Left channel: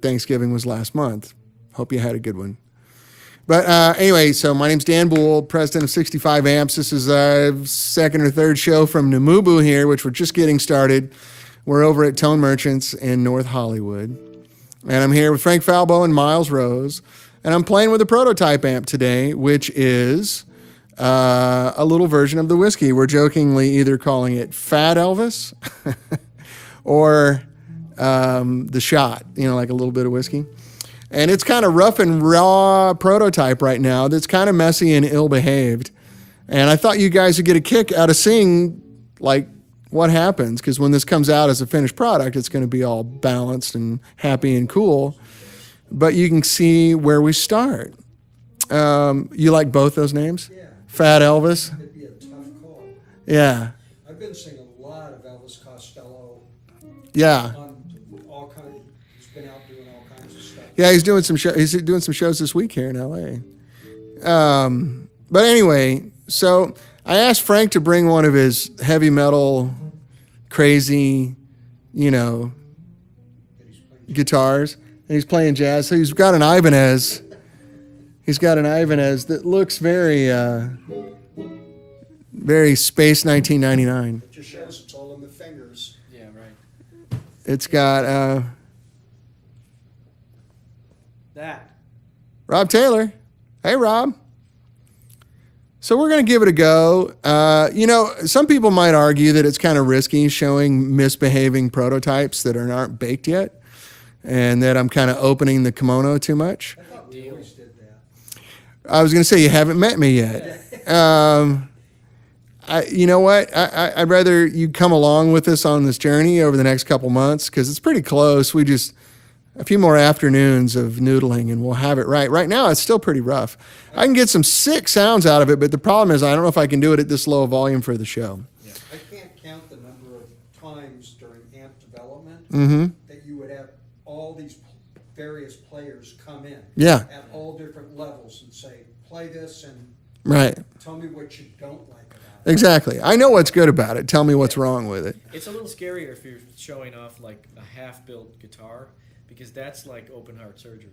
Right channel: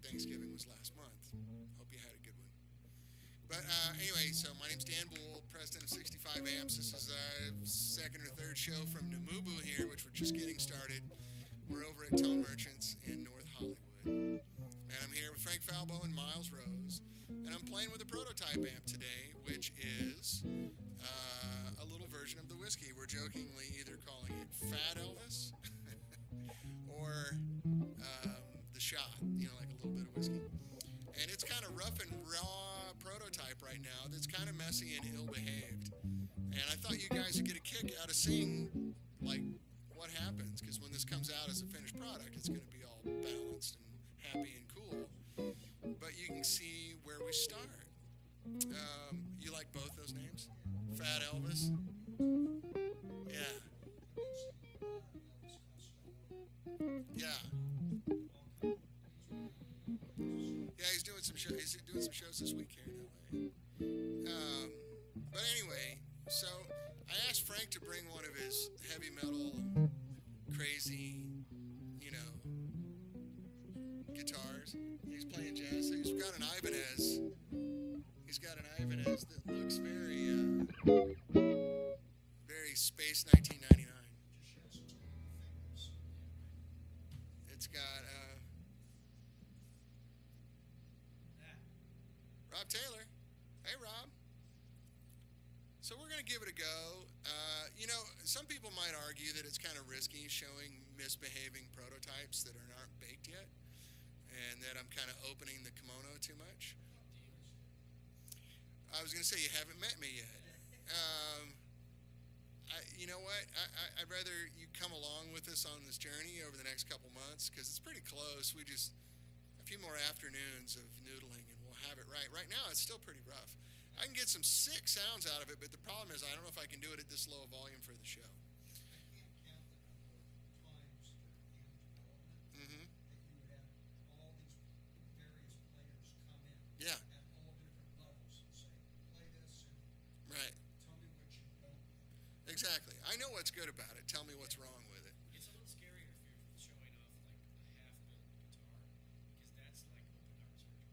Thanksgiving was last month. Hope you had a good one. But anyway, so my name's Dan Boul, president of 65 Amps. This is our second or third show from Namubu here, which we're just getting started. We're over at Tone Merchants in North Hollywood. And I'm here with Frank Falbo and Miles Rose. And I'm playing with a prototype amp today, which is a little version of the whiskey. We're jokingly either calling it Fat Elvis or the shot, like a little bit of whiskey. And it's kind of rough and raw prototype right now that's kind of messy and ill-behaved. And I thought you guys would get a kick out of seeing, what happens. Because when this comes out as a finished product, it's going to be all balanced and happy and cool. But you can see where we start. You like both those names? Yeah. Fat Elvis? It'd be a tough call. Yeah. I've been seeing a lot of Elvis Costello. Yeah. He's been out doing all kinds of stuff. Yeah, he's doing some shows this week here in LA. But anyway, so I asked Frank to bring one of his heavy metal, crazy, guitars, and he's playing jazz. So he's got an Ibanez. He's got an Ibanez that looks very, very Space 1999. It just shows it's all in the fingers. Yeah, right. It's got That. Rob Taylor. Hey, Rob. So we're going to give it a go. Some people might argue that it's kind of risky showing misbehaving prototypes that aren't baked yet, and that I'm kind of opening the kimono too much. I thought we always did that. I was going to say, you haven't met me yet. You know what? I'd rather you come along with us on this journey over the next couple months, because it's pretty close. We just, a few more afternoons of noodling and we'll have it right. Right now, it's still pretty rough. I can get some sick sounds out of it, but the problem is I don't know if I can do it at this low volume for the show. Yeah. I can't count the number of times during amp development that you would have all these various players come in at all different levels and say, play this and tell me what you don't like about it. Exactly. I know what's good about it. Tell me what's wrong with it. It's a little scarier if you're showing off like a half-built guitar, because that's like open heart surgery.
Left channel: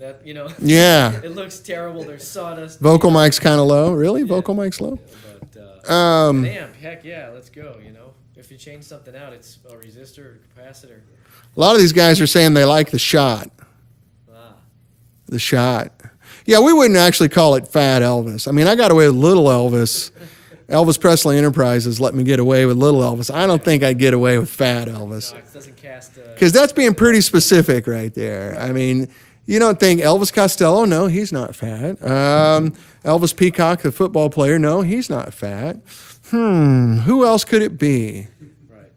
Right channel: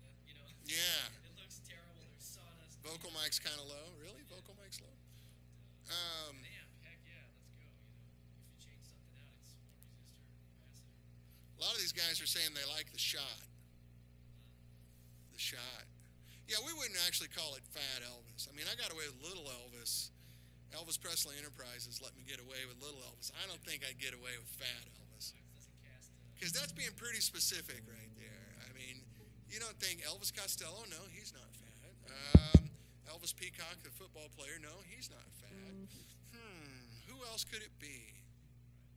That, Yeah. It looks terrible. There's sawdust. Vocal mic's kind of low. Really? Yeah. Vocal mic's low? But an amp, heck yeah, let's go, If you change something out, it's a resistor or capacitor. A lot of these guys are saying they like the shot. The shot. Yeah, we wouldn't actually call it Fat Elvis. I mean, I got away with Little Elvis. Elvis Presley Enterprises let me get away with Little Elvis. I don't think I'd get away with Fat Elvis. No, it doesn't cast... Because that's being pretty specific right there. I mean, you don't think Elvis Costello? No, he's not fat. Elvis Peacock, the football player? No, he's not fat. Who else could it be? Right.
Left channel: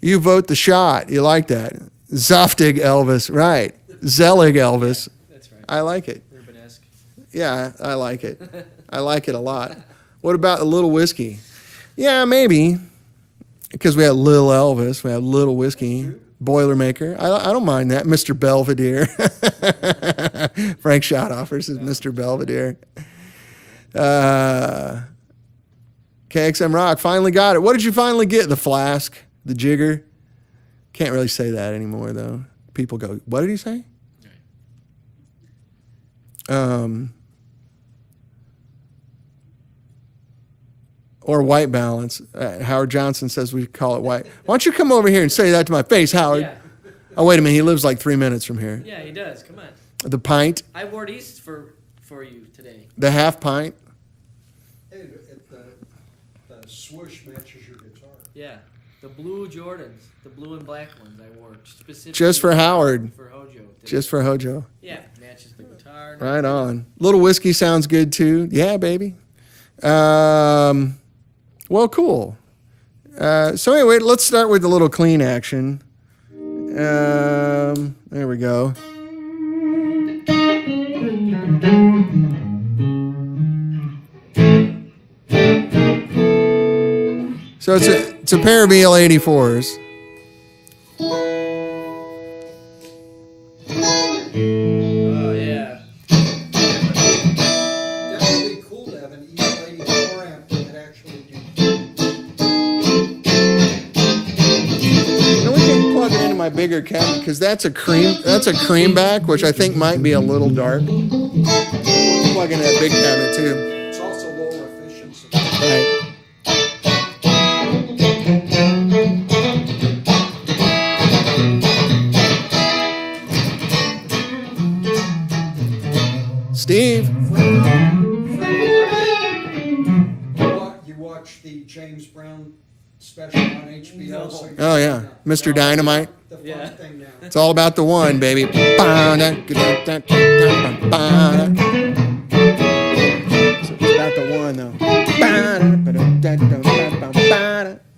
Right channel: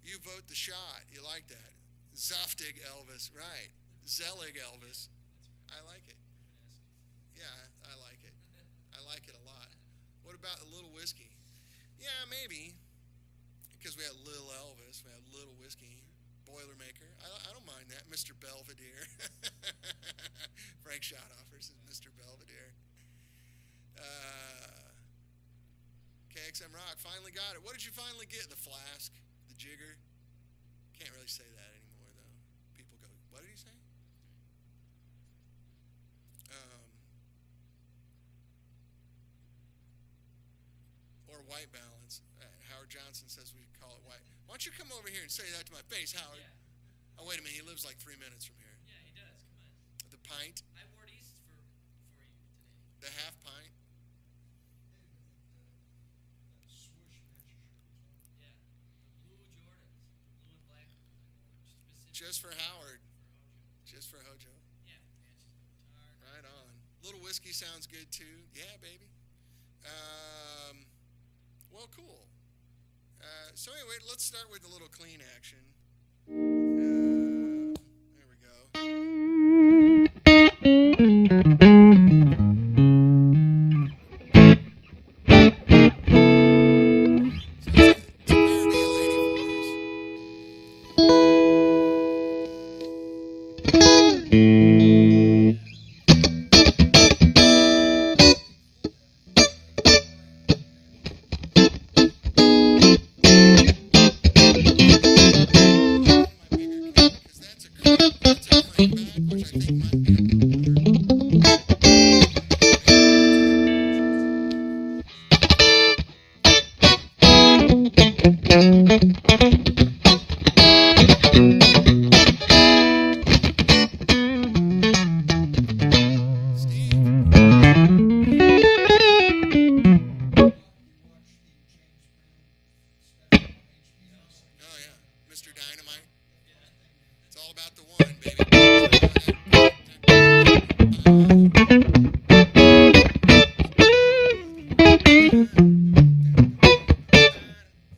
You vote the shot. You like that. Zoftig Elvis. Right. Zelig Elvis. That's right. I like it. Rubenesque. Yeah, I like it. I like it a lot. What about a little whiskey? Yeah, maybe. Because we had Little Elvis. We had Little Whiskey. Boilermaker. I don't mind that. Mr. Belvedere. Frank Schottoffers is Mr. Belvedere. KXM Rock finally got it. What did you finally get? The flask? The jigger? Can't really say that anymore, though. People go, what did he say? Or white balance. Howard Johnson says we call it white. Why don't you come over here and say that to my face, Howard? Yeah. Oh, wait a minute. He lives like 3 minutes from here. Yeah, he does. Come on. The pint. I wore these for you today. The half pint. Hey, the swoosh matches your guitar. Yeah. The blue Jordans. The blue and black ones I wore specifically. Just for Howard. For Hojo. Today. Just for Hojo. Yeah. Matches the guitar. Right on. Little whiskey sounds good, too. Yeah, baby. Well, cool. So anyway, let's start with the little clean action. There we go. So it's a pair of EL84s. Oh, yeah. That would be cool to have an EL84 amp that could actually You know, we can plug it into my big bigger cap because that's a cream back, which I think might be a little dark. Plug in that big cabinet too. It's also lower efficiency. Steve. You watch the James Brown special on HBO? No. So you Oh yeah, Mr. Dynamite. The fun Yeah. thing now. It's all about the one, baby. So it's about the one, though.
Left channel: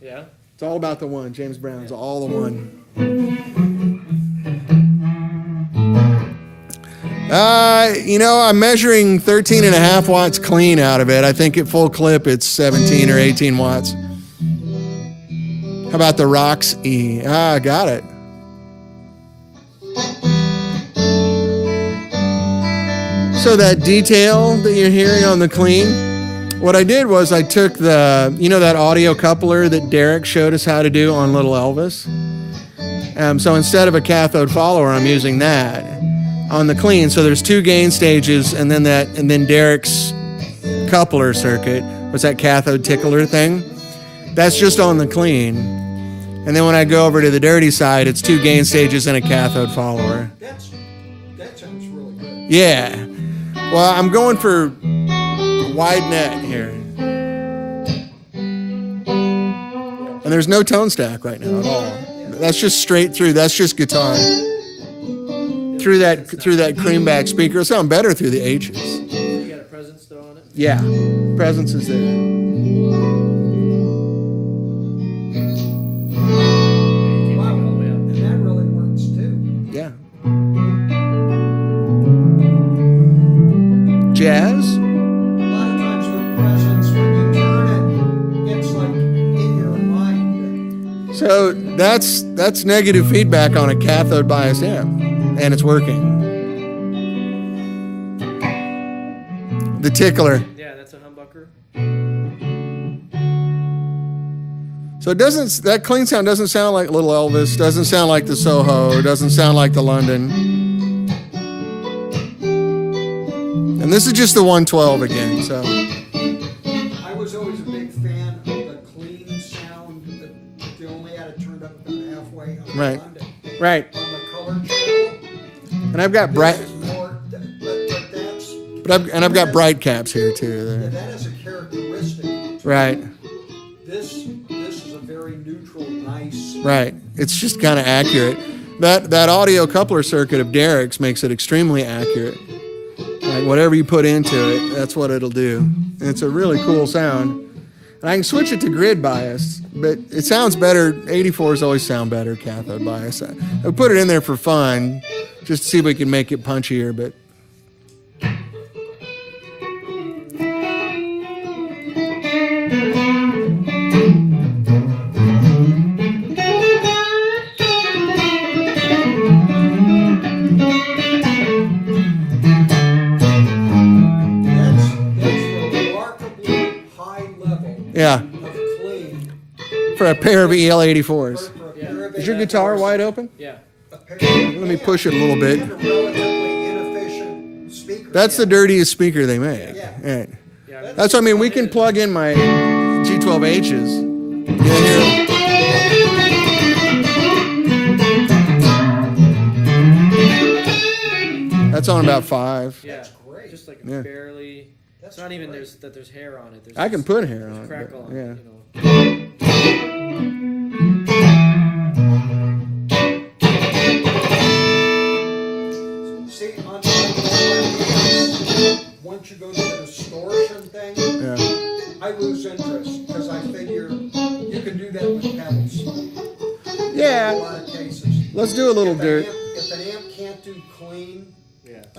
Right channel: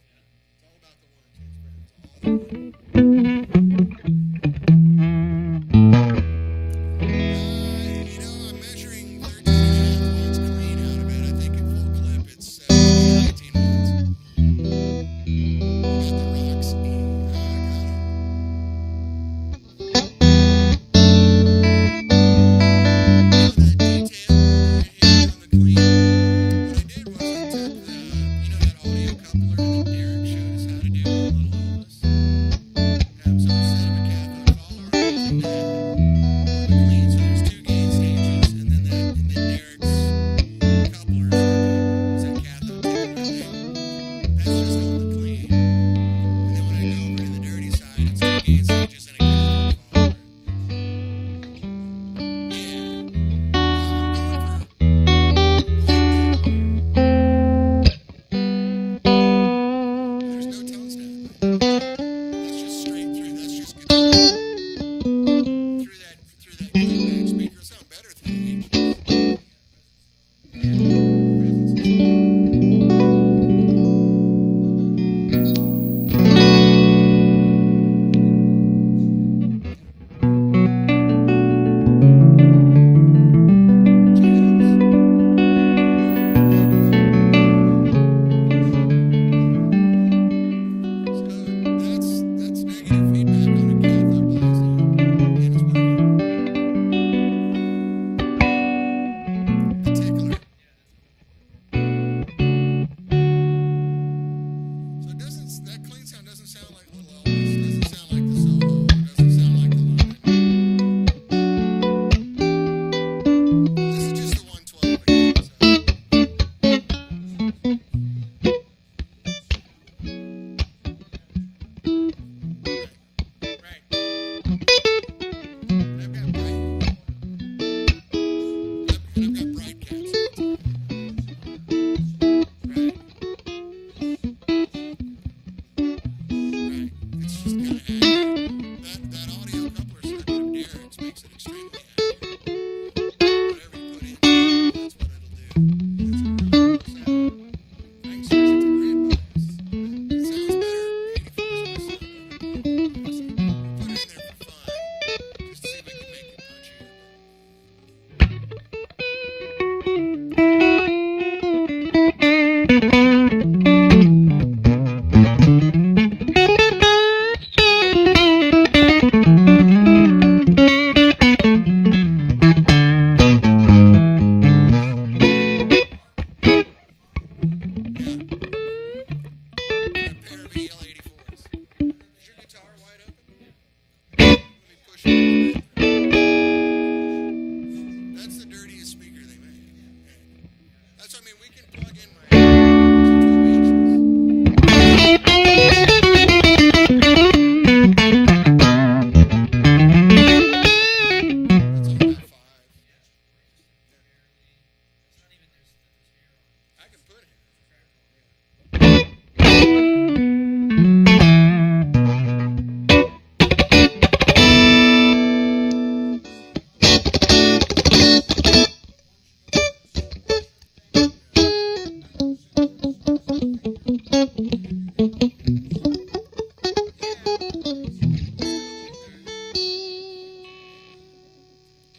Yeah. It's all about the one. James Brown's all the one. I'm measuring 13.5 watts clean out of it. I think at full clip it's 17 or 18 watts. How about the Rox E? Got it. So that detail that you're hearing on the clean, what I did was I took that audio coupler that Derek showed us how to do on Little Elvis. So instead of a cathode follower, I'm using that on the clean. So there's 2 gain stages, and then Derek's coupler circuit was that cathode tickler thing. That's just on the clean. And then when I go over to the dirty side, it's 2 gain stages and a cathode follower. That sounds really good. Yeah. Well, I'm going for wide net here. And there's no tone stack right now at all. That's just straight through. That's just guitar. Through that creamback speaker. It'll sound better through the H's. You got a presence though on it? Yeah. Presence is there. Wow, and that really works too. Yeah. Jazz? A lot of times with presence, when you turn it, it's like in your mind. So that's negative feedback on a cathode biased amp, and it's working. The tickler. Yeah, that's a humbucker. So that clean sound doesn't sound like Little Elvis, doesn't sound like the Soho, doesn't sound like the London. And this is just the 112 again, so. I was always a big fan of the clean sound that they only had it turned up halfway on Right. London. Right. On the color channel. And I've got bright I've got bright caps here too. That is a characteristic. Right. This is a very neutral, nice. Right. It's just kind of accurate. That audio coupler circuit of Derek's makes it extremely accurate. Like whatever you put into it, that's what it'll do. And it's a really cool sound. And I can switch it to grid bias, but it sounds better. 84s always sound better cathode bias. I put it in there for fun, just to see if we can make it punchier, but. Yeah, for a pair of EL84s. Is your guitar wide open? Yeah. Let me push it a little bit. That's the dirtiest speaker they make. Right. That's what I mean. We can plug in my G12Hs. That's on about 5. Yeah. Great. Just like Yeah. barely. It's not even there's hair on it. There's I can put hair on it. crackle but, on yeah. it. You know. See, once you go to the distortion thing, Yeah. I lose interest because I figure you can do that with pedals. In a Yeah. lot of cases. Let's do a little dirt. If an amp can't do clean,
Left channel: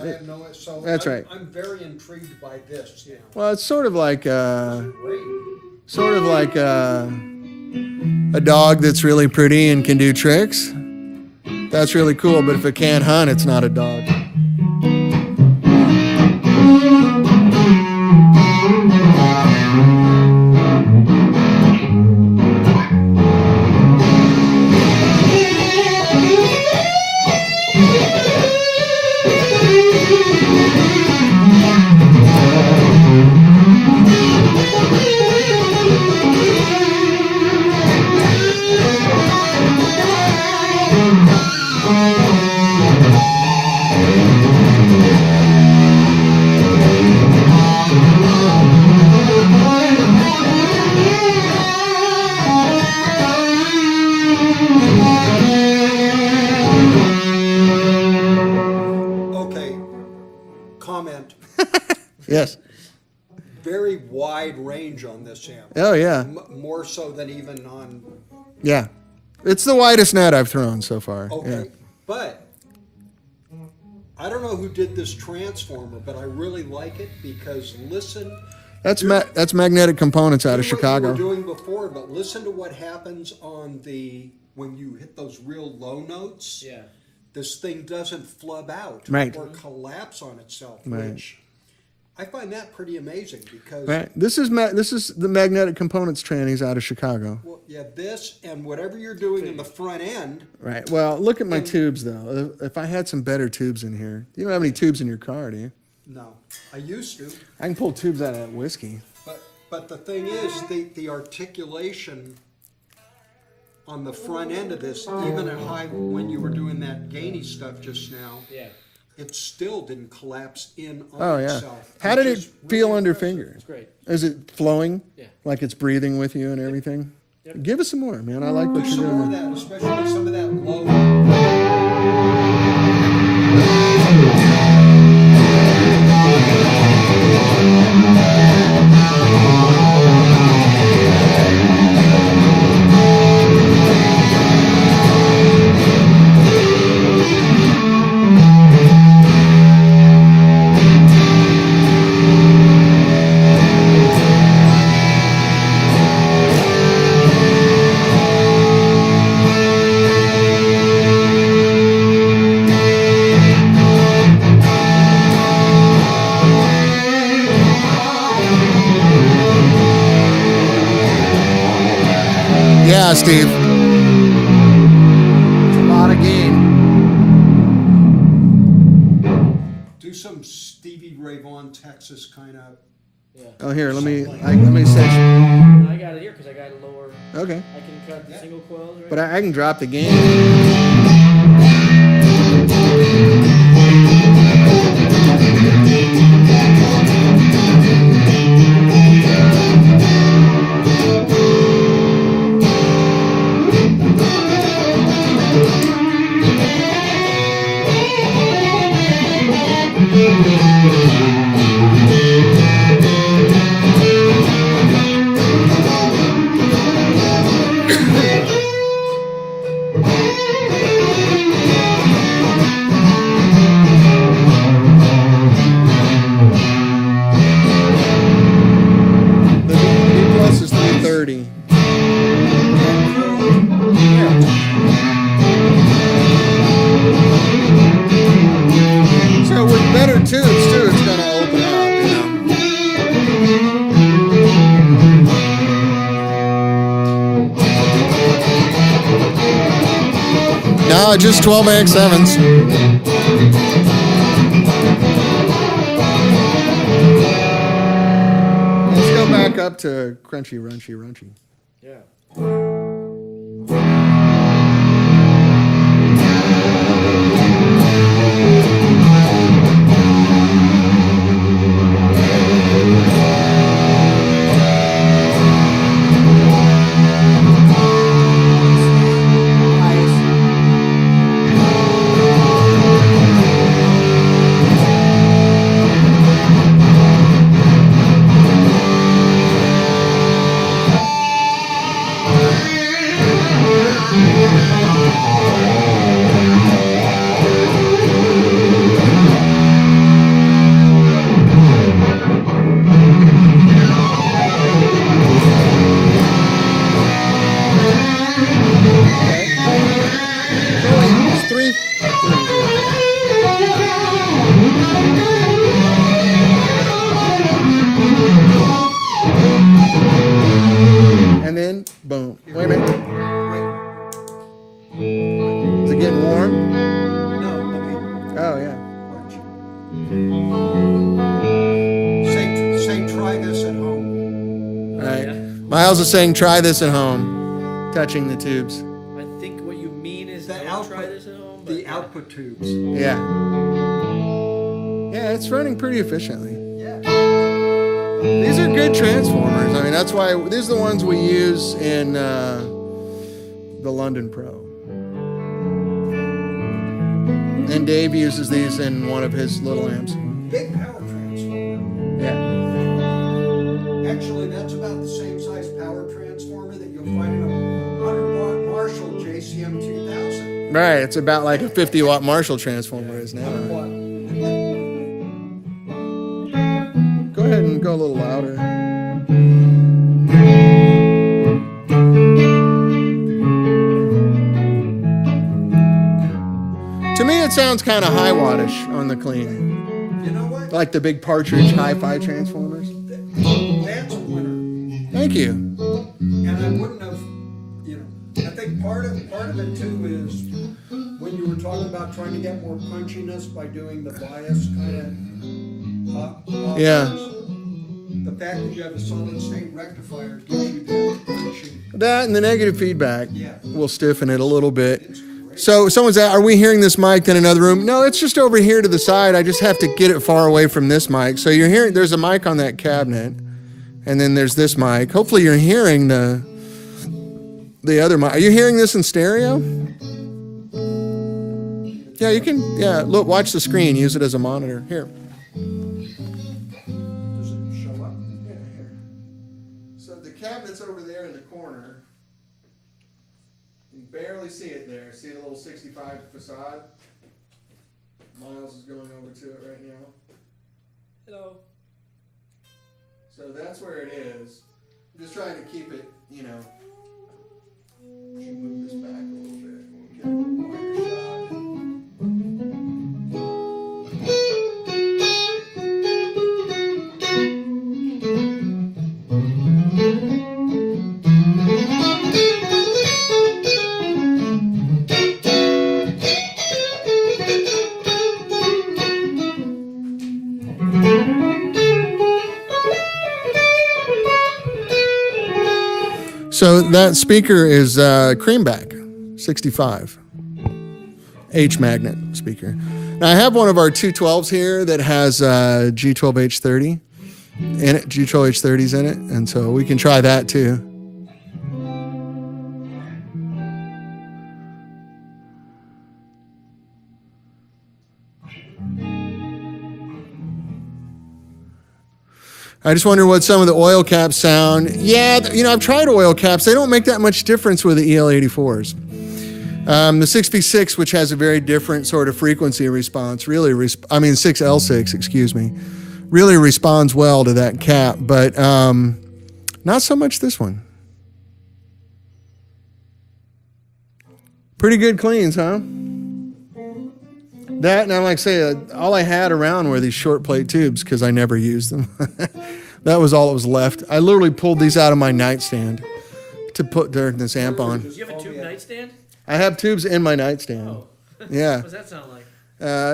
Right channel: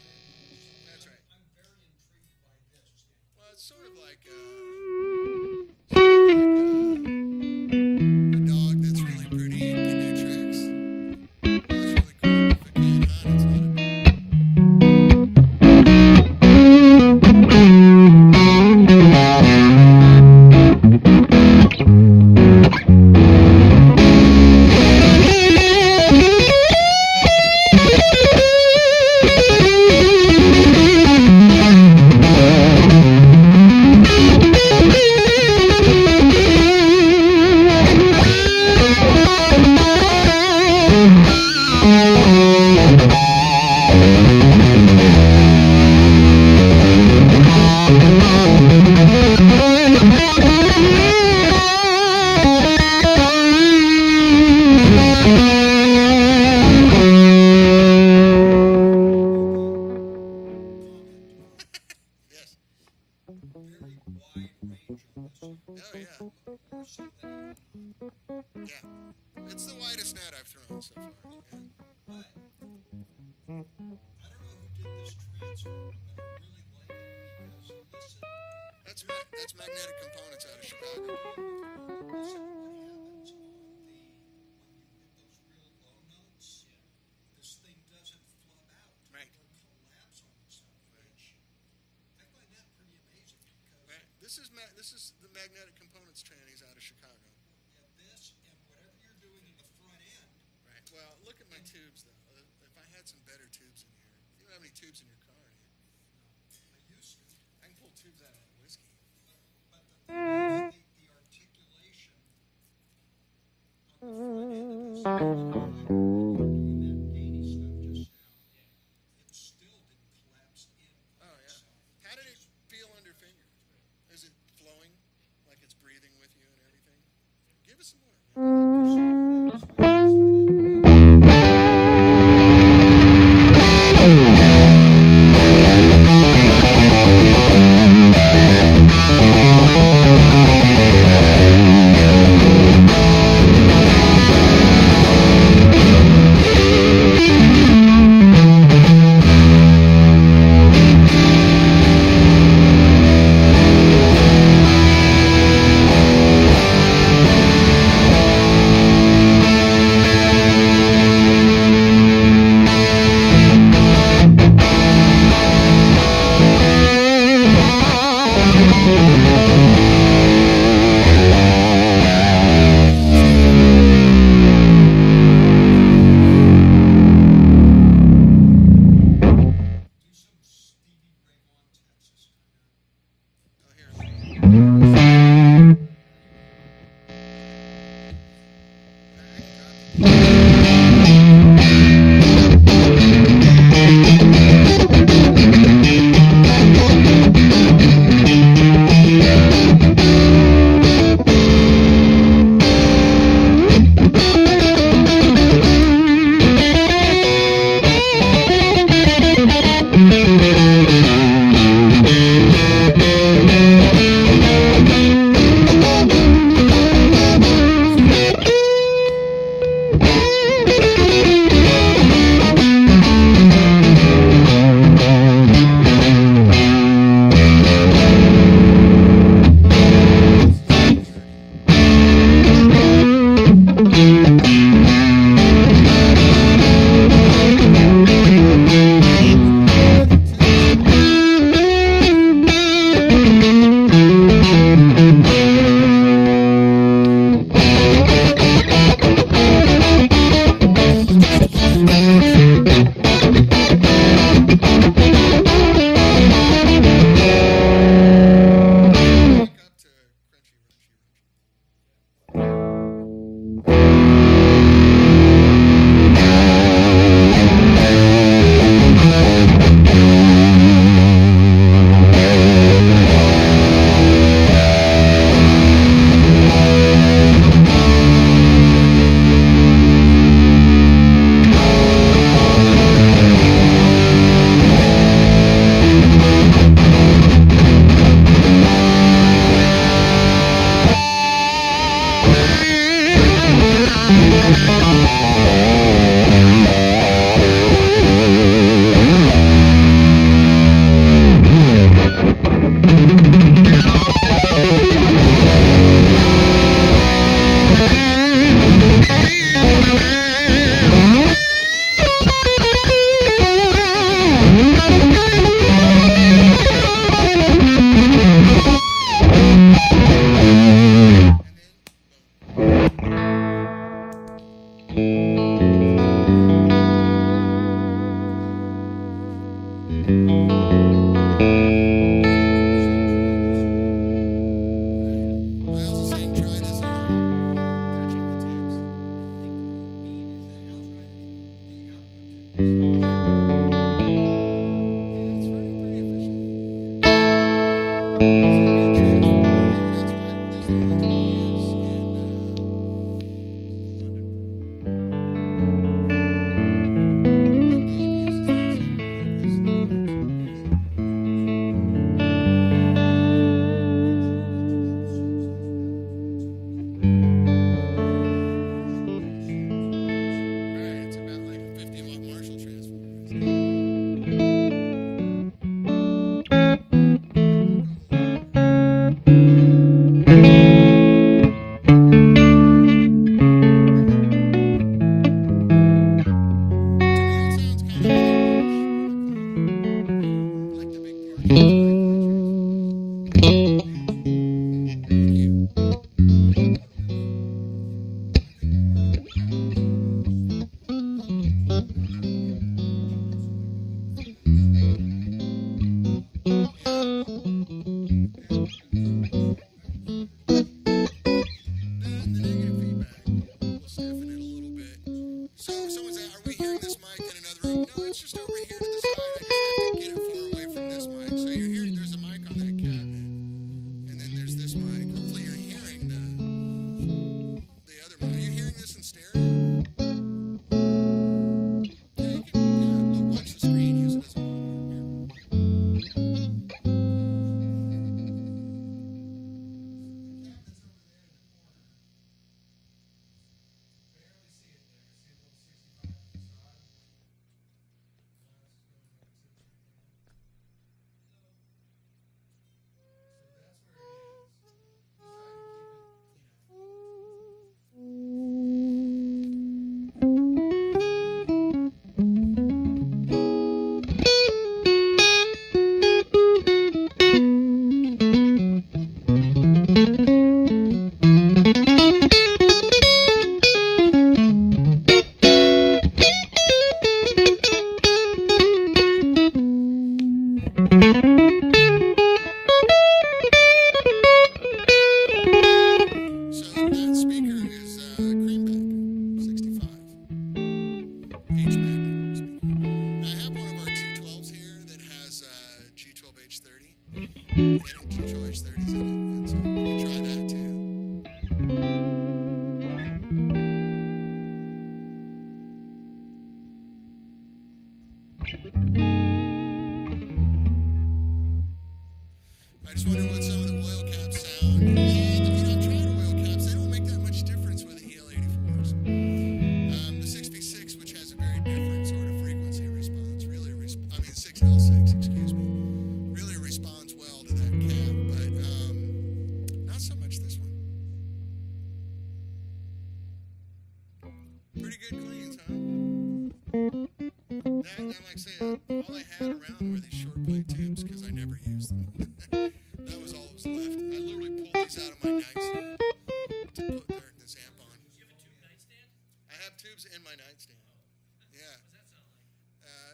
I have no. So That's I'm, right. I'm very intrigued by this now. Well, it's sort of like Great. a dog that's really pretty and can do tricks. That's really cool, but if it can't hunt, it's not a dog. very wide range on this amp. Oh, yeah. More so than even on. Yeah. It's the widest net I've thrown so far. Okay, Yeah. but I don't know who did this transformer, but I really like it because listen. That's Magnetic Components out of Do what Chicago. you were doing before, but listen to what happens when you hit those real low notes. Yeah. This thing doesn't flub out Right. or collapse on itself, Right. which I find that pretty amazing because Right. This is the Magnetic Components trannies out of Chicago. well, yeah, this and whatever you're doing in the front end. Right. Well, look at my tubes though. If I had some better tubes in here, you don't have any tubes in your car, do you? No, I used to, I can pull tubes out of that whiskey. but the thing is the articulation on the front end of this, even at high when you were doing that gainy stuff just now, Yeah. it still didn't collapse in on Oh yeah. itself. How did which it is feel really under impressive. finger? It's great. Is it flowing? Yeah. Like it's breathing with you and everything? Yep. Give us some more, man. I like what Do you're some more of doing. that, especially some of that low. Yeah, Steve. It's a lot of gain. Do some Stevie Ray Vaughan, Texas kind of. Yeah. Oh, here, let me see. I got it here because I got a lower. Okay. I can cut the single coil. Right? But I can drop the gain. Plus is 130. So with better tubes too, it's gonna open up, you know. No, just 12x7s. Let's go back up to crunchy, runchy, runchy. Yeah. It's three. And then, boom. Wait a minute. Is it getting warm? Oh, yeah. Say try this at home. All right. Miles is saying, try this at home. Touching the tubes. I think what you mean is The don't try output, this at home. But the yeah. output tubes. Yeah. Yeah, it's running pretty efficiently. Yeah. These are good transformers. I mean, that's why these are the ones we use in the London Pro. And Dave uses these in one of his little amps. Big power transformer. Yeah. Right, it's about like a 50-watt Marshall transformer is now. Go ahead and go a little louder. To me, it sounds kind of high wattage on the clean. You know what? Like the big Partridge hi-fi transformers. That's a winner. Thank you. And I wouldn't have, I think part of it too is when you were talking about trying to get more punchiness by doing the bias Yeah. the fact that you have a solid state rectifier gives you that punchy. That and the negative feedback Yeah. will stiffen it a little bit. So someone's at, are we hearing this mic in another room? No, it's just over here to the side. I just have to get it far away from this mic. So you're hearing, there's a mic on that cabinet, and then there's this mic. Hopefully you're hearing the other mic. Are you hearing this in stereo? Yeah, you can, yeah, look, watch the screen. Use it as a monitor. Here. Does it show up? Yeah, here. So the cabinet's over there in the corner. You barely see it there. See the little 65 facade? Miles is going over to it right now. Hello. So that's where it is. I'm just trying to keep it, you know. Should move this back a little bit. So that speaker is Creamback 65 H magnet speaker. Now I have one of our 212s here that has G12H30 in it, G12H30s in it, and so we can try that too. I just wonder what some of the oil caps sound. Yeah, you know, I've tried oil caps. They don't make that much difference with the EL84s. The 6V6, which has a very different sort of frequency response, really, 6L6, excuse me, really responds well to that cap, but not so much this one. Pretty good cleans, huh? That, and I like say, all I had around were these short plate tubes because I never used them. That was all that was left. I literally pulled these out of my nightstand to put during this amp on. Do you have a tube nightstand? I have tubes in my nightstand. Oh. Yeah. What does that sound like?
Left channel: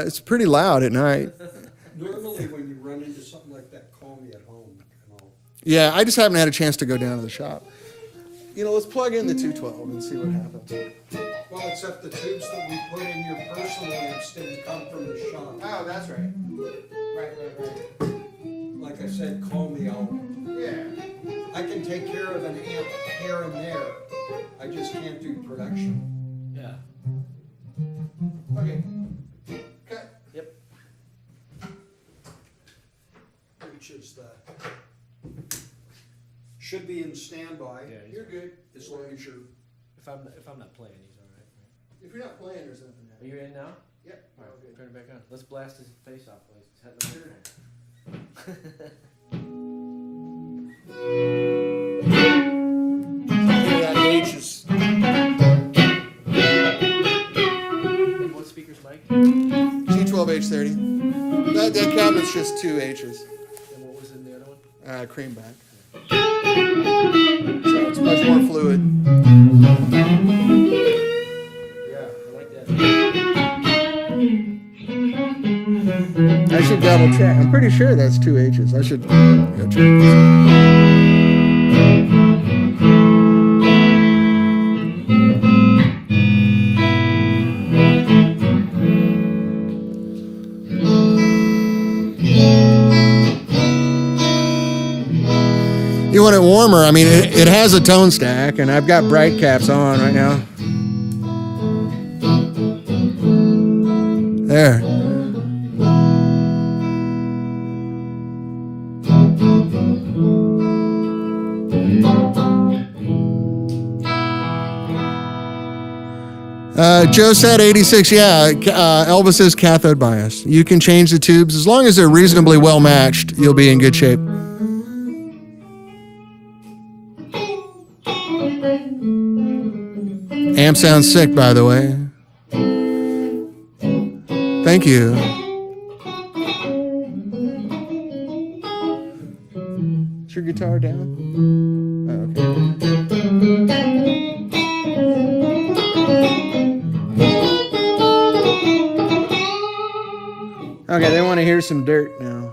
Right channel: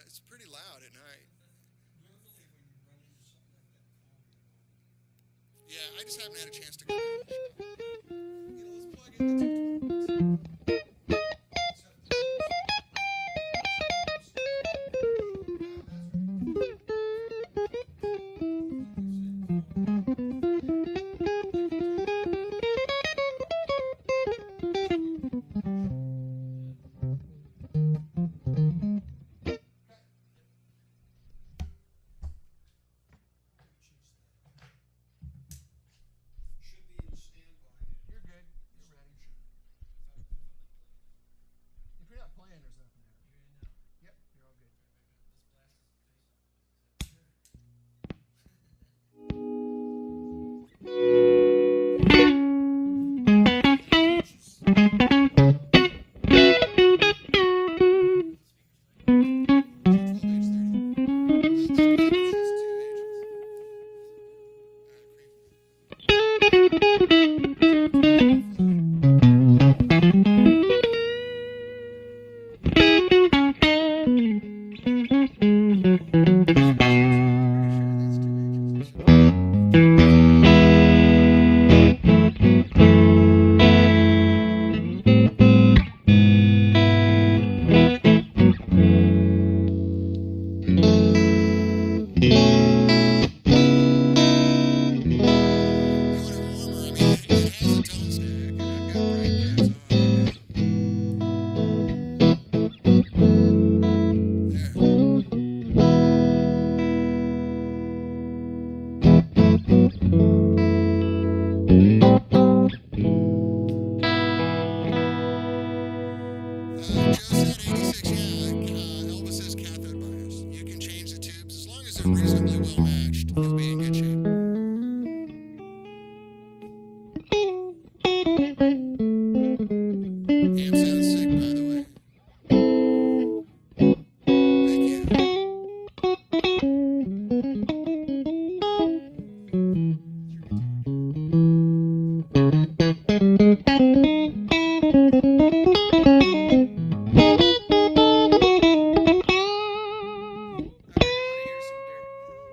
It's pretty loud at night. Normally when you run into something like that, call me at home and all. Yeah, I just haven't had a chance to go down to the shop. You know, let's plug in the 212 and see what happens. Well, except the tubes that we put in your personal amps didn't come from the shop. Oh, that's right. Right. Like I said, call me out. Yeah. I can take care of an amp here and there. I just can't do production. Yeah. Okay. Cut. Yep. Which is should be in standby. Yeah, You're good. As long as you're. If I'm not playing, he's all right. If you're not playing, there's nothing Are you in now? Yeah. All right, turn it back on. Let's blast his face off, please. H's. And what speaker's mic? And G12H30. That cabinet's just 2 H's. what was in the other one? Creamback. So it's much more fluid. Yeah, I like that. I should double check. I'm pretty sure that's 2 H's. I should go check this. You want it warmer? I mean, it has a tone stack, and I've got bright caps on right now. There. Joe said 86. Yeah, Elvis is cathode bias. You can change the tubes. As long as they're reasonably well matched, you'll be in good shape. Amp sounds sick, by the way. Thank you. Is your guitar down? Oh, okay. Okay, they want to hear some dirt now.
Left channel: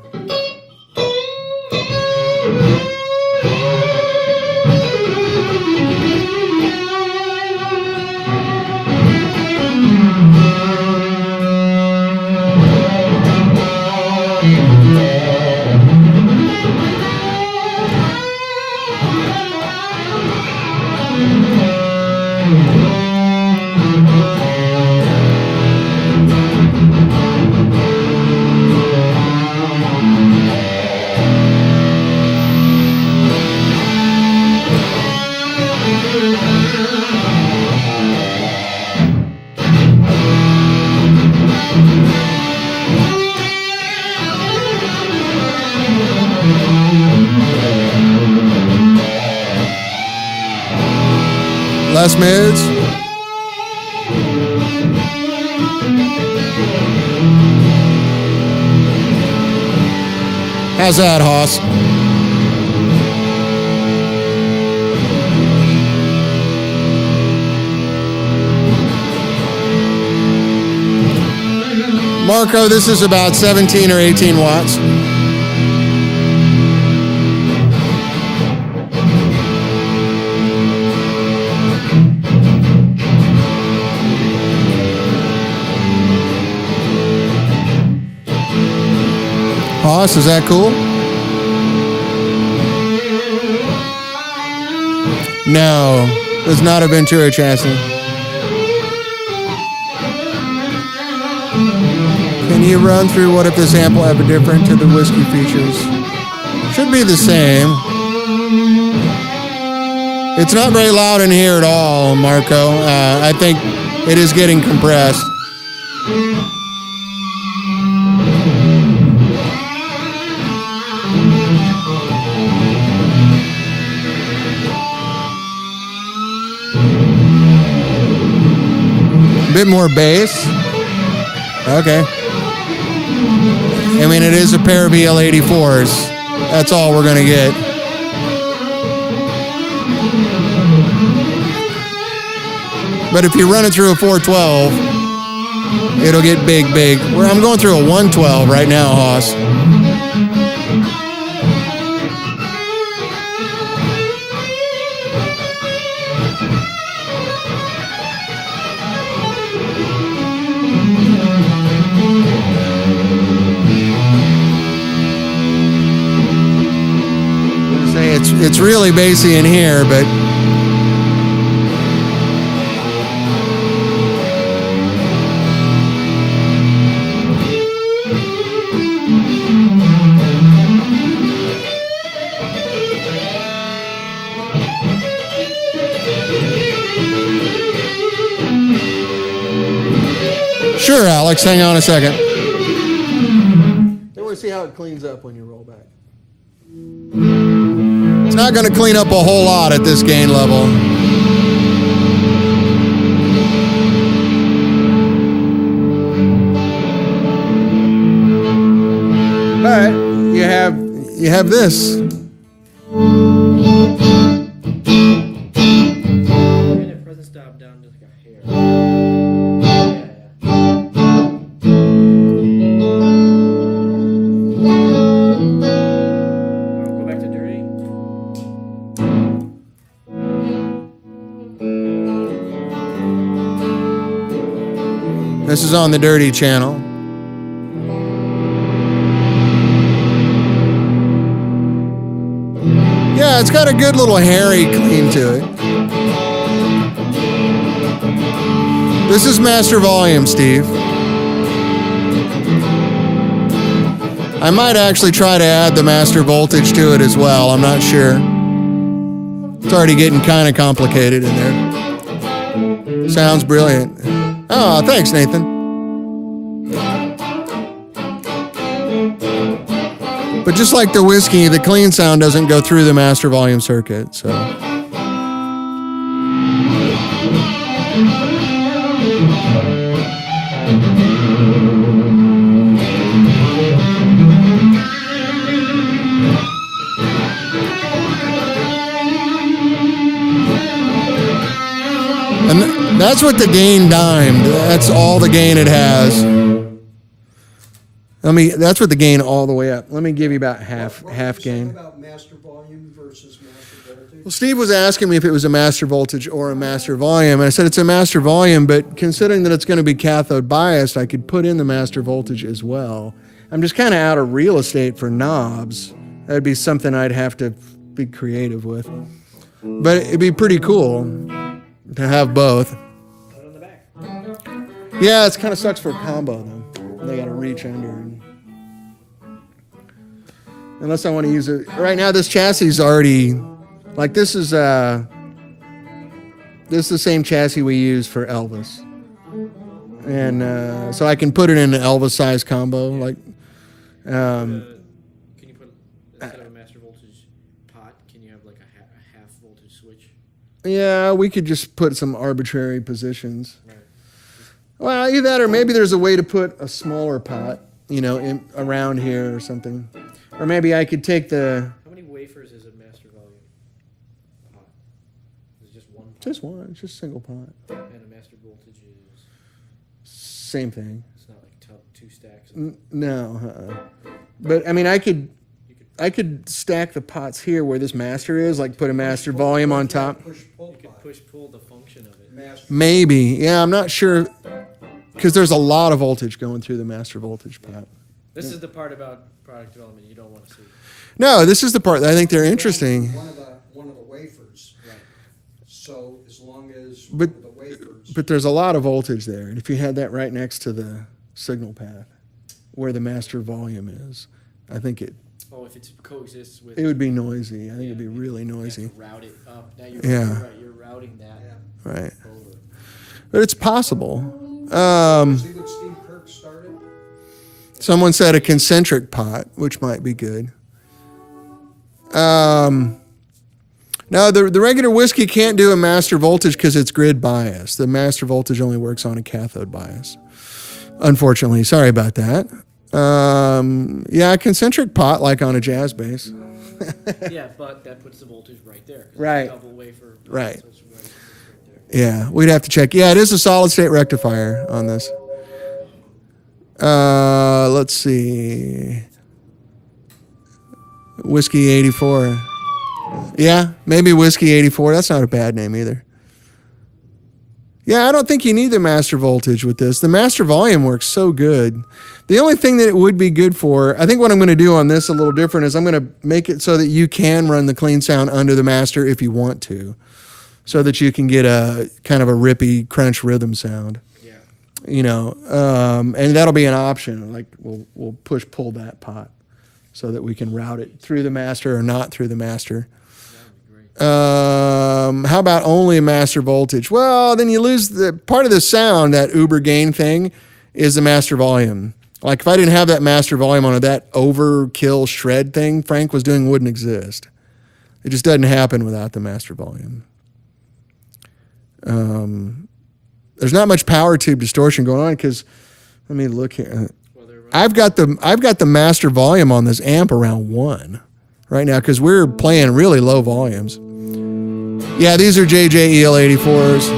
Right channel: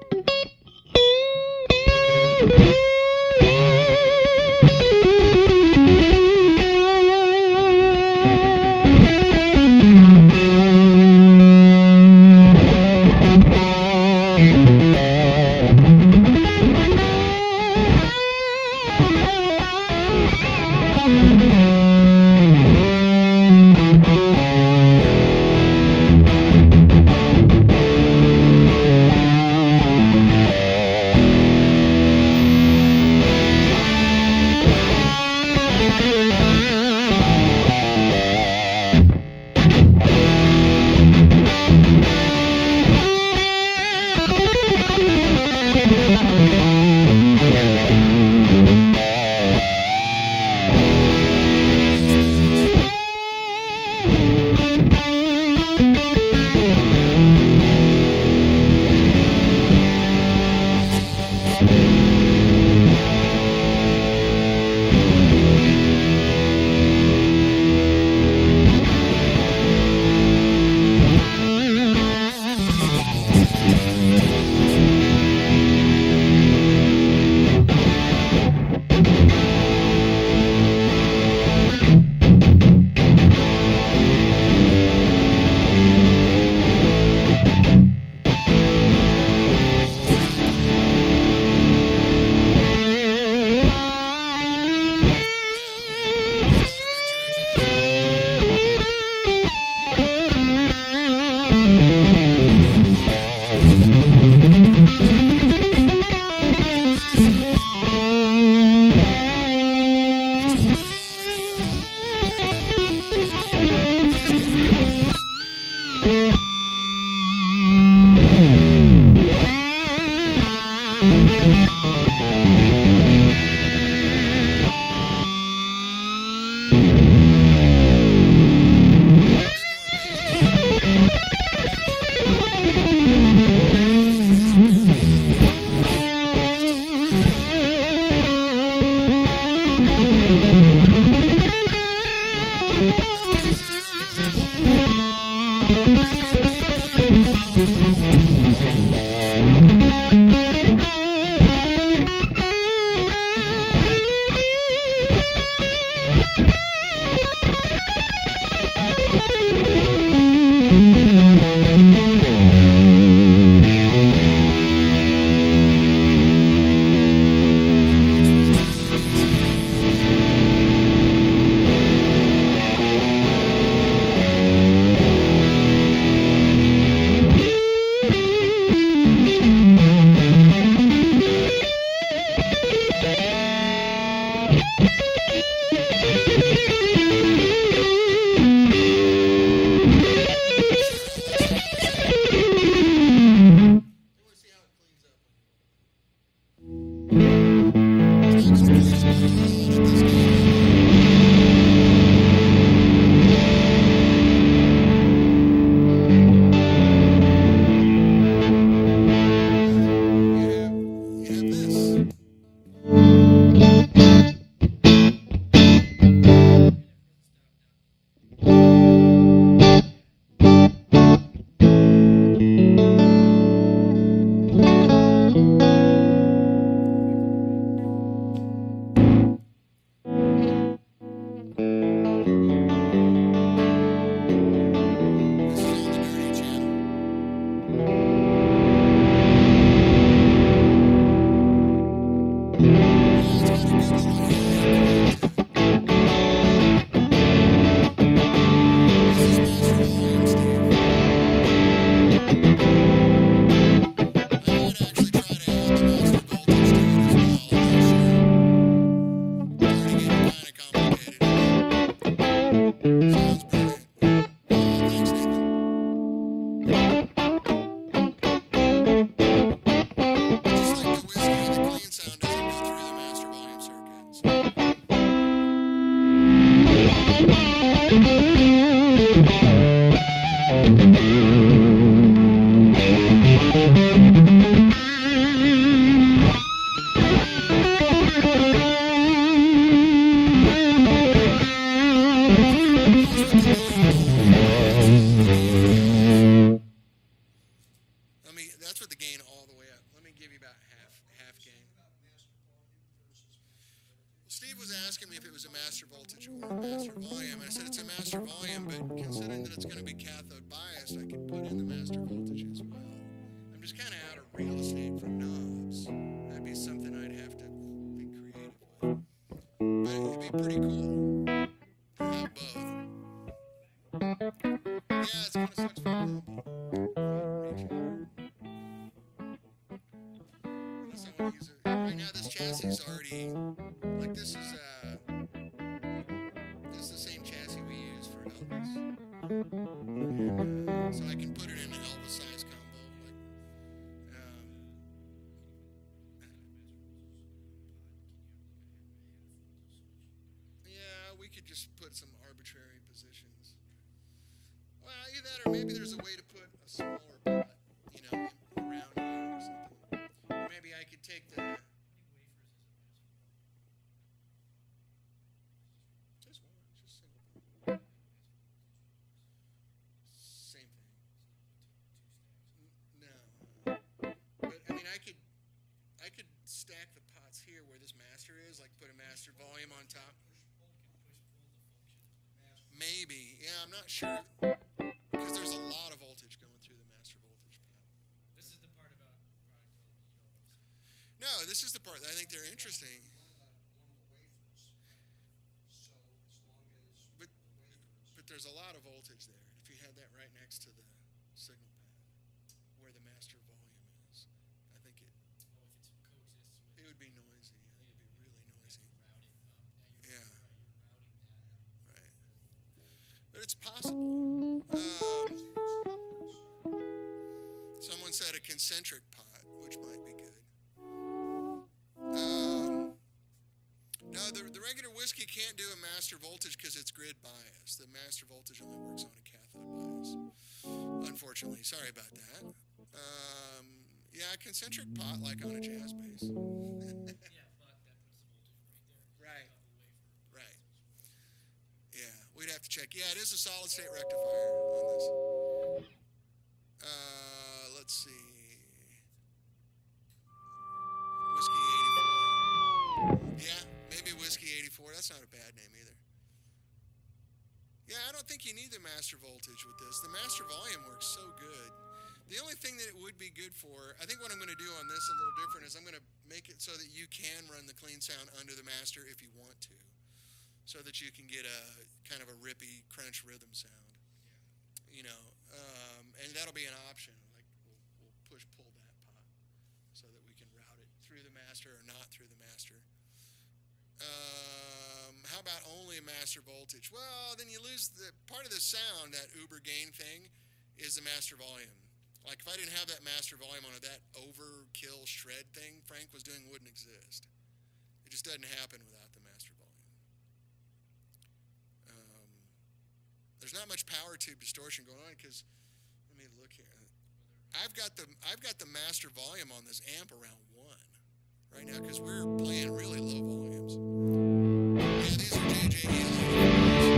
Less mids. How's that, Hoss? Marco, this is about 17 or 18 watts. Hoss, is that cool? No, there's not a Ventura chassis. Can you run through what if this amp will have a different to the whiskey features? Should be the same. It's not very loud in here at all, Marco. I think it is getting compressed. Bit more bass. Okay. I mean, it is a pair of EL84s. That's all we're going to get. But if you run it through a 412, it'll get big, big. I'm going through a 112 right now, Hoss. It's really bassy in here, but sure, Alex, hang on a second. Then we'll see how it cleans up when you roll back. It's not going to clean up a whole lot at this gain level. All right, you have this. This is on the dirty channel. Yeah, it's got a good little hairy clean to it. This is master volume, Steve. I might actually try to add the master voltage to it as well. I'm not sure. It's already getting kind of complicated in there. Sounds brilliant. Oh, thanks, Nathan. But just like the whiskey, the clean sound doesn't go through the master volume circuit, so. And that's what the gain dimed. That's all the gain it has. That's what the gain all the way up. Let me give you about half gain. What about master volume versus master voltage? Well, Steve was asking me if it was a master voltage or a master volume, and I said it's a master volume, but considering that it's going to be cathode biased, I could put in the master voltage as well. I'm just kind of out of real estate for knobs. That'd be something I'd have to be creative with. But it'd be pretty cool to have both. Put it on the back. Yeah, it kind of sucks for a combo, though. They got to reach under. Unless I want to use it. Right now, this chassis is already, like this is the same chassis we use for Elvis. And so I can put it in an Elvis size combo. Like, Can you put, instead of a master voltage pot, can you have like a half voltage switch? yeah, we could just put some arbitrary positions. Right. Well, either that or maybe there's a way to put a smaller pot, around here or something. Or maybe I could take the... How many wafers is a master volume pot? Is it just one pot? Just one, it's just a single pot. And a master voltage is... Same thing. It's not like two stacks. No. But, I could stack the pots here where this master is, like put a master volume on top. You could push-pull the function of it. Master. Maybe. Yeah, I'm not sure. Because there's a lot of voltage going through the master voltage pot. This is the part about product development you don't want to see. No, this is the part that I think they're interesting. One of the wafers. Right. So as long as But- one of the wafers. But there's a lot of voltage there. And if you had that right next to the signal path where the master volume is, I think it Oh, if it coexists with... would be noisy. I think it'd be Yeah, really you have noisy. to route it up. Now Yeah. right, you're routing that Right. over. But it's possible. See what Steve Kirk started? Someone said a concentric pot, which might be good. No, the regular whiskey can't do a master voltage because it's grid bias. The master voltage only works on a cathode bias. Unfortunately, sorry about that. Yeah, a concentric pot like on a jazz bass. Yeah, but that puts the voltage right there. 'cause it's a Right. Double wafer. Right. So it's right there. Yeah, we'd have to check. Yeah, it is a solid state rectifier on this. Let's see. Whiskey 84. Yeah, maybe Whiskey 84. That's not a bad name either. Yeah, I don't think you need the master voltage with this. The master volume works so good. The only thing that it would be good for, I think what I'm going to do on this a little different is I'm going to make it so that you can run the clean sound under the master if you want to, so that you can get a kind of a rippy crunch rhythm sound. Yeah. And that'll be an option. Like we'll pull that pot so that we can route it through the master or not through the master. How about only master voltage? Well, then you lose the part of the sound. That uber gain thing is the master volume. Like if I didn't have that master volume on it, that overkill shred thing Frank was doing wouldn't exist. It just doesn't happen without the master volume. There's not much power tube distortion going on because, let me look here. I've got the master volume on this amp around 1 right now because we're playing really low volumes. Yeah, these are JJEL 84s.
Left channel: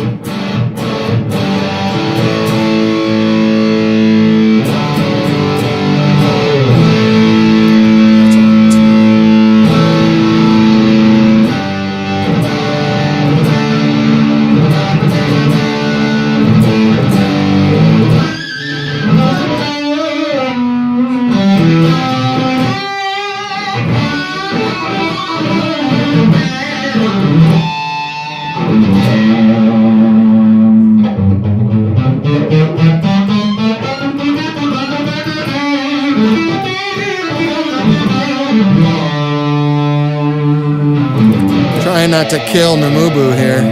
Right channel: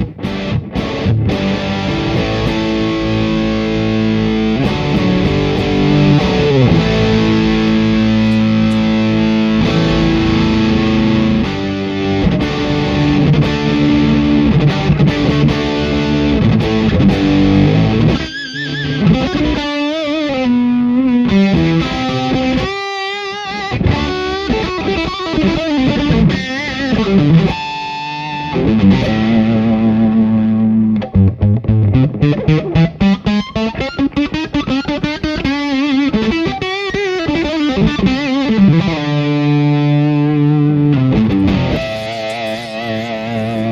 To kill Namubu here.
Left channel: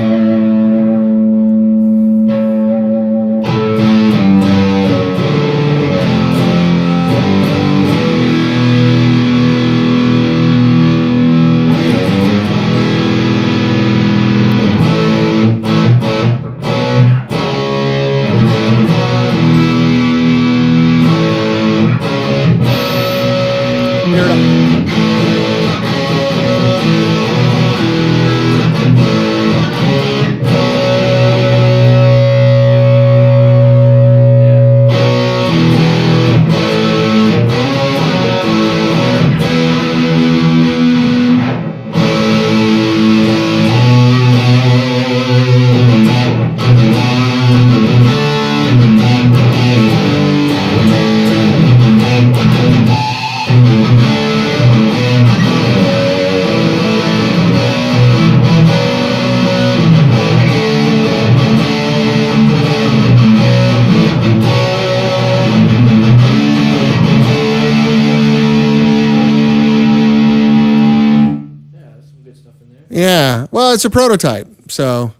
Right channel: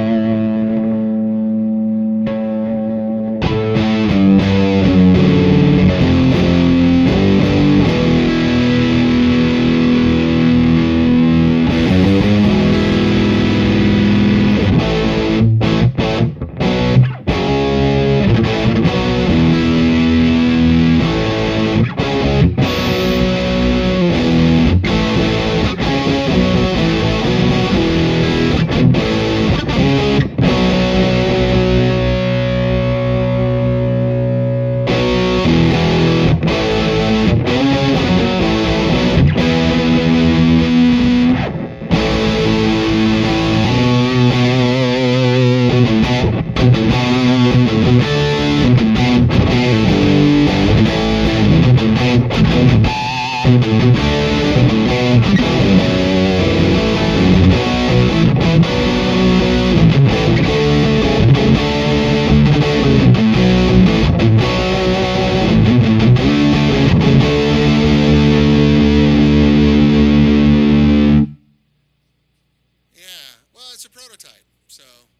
Well, it's a prototype. So,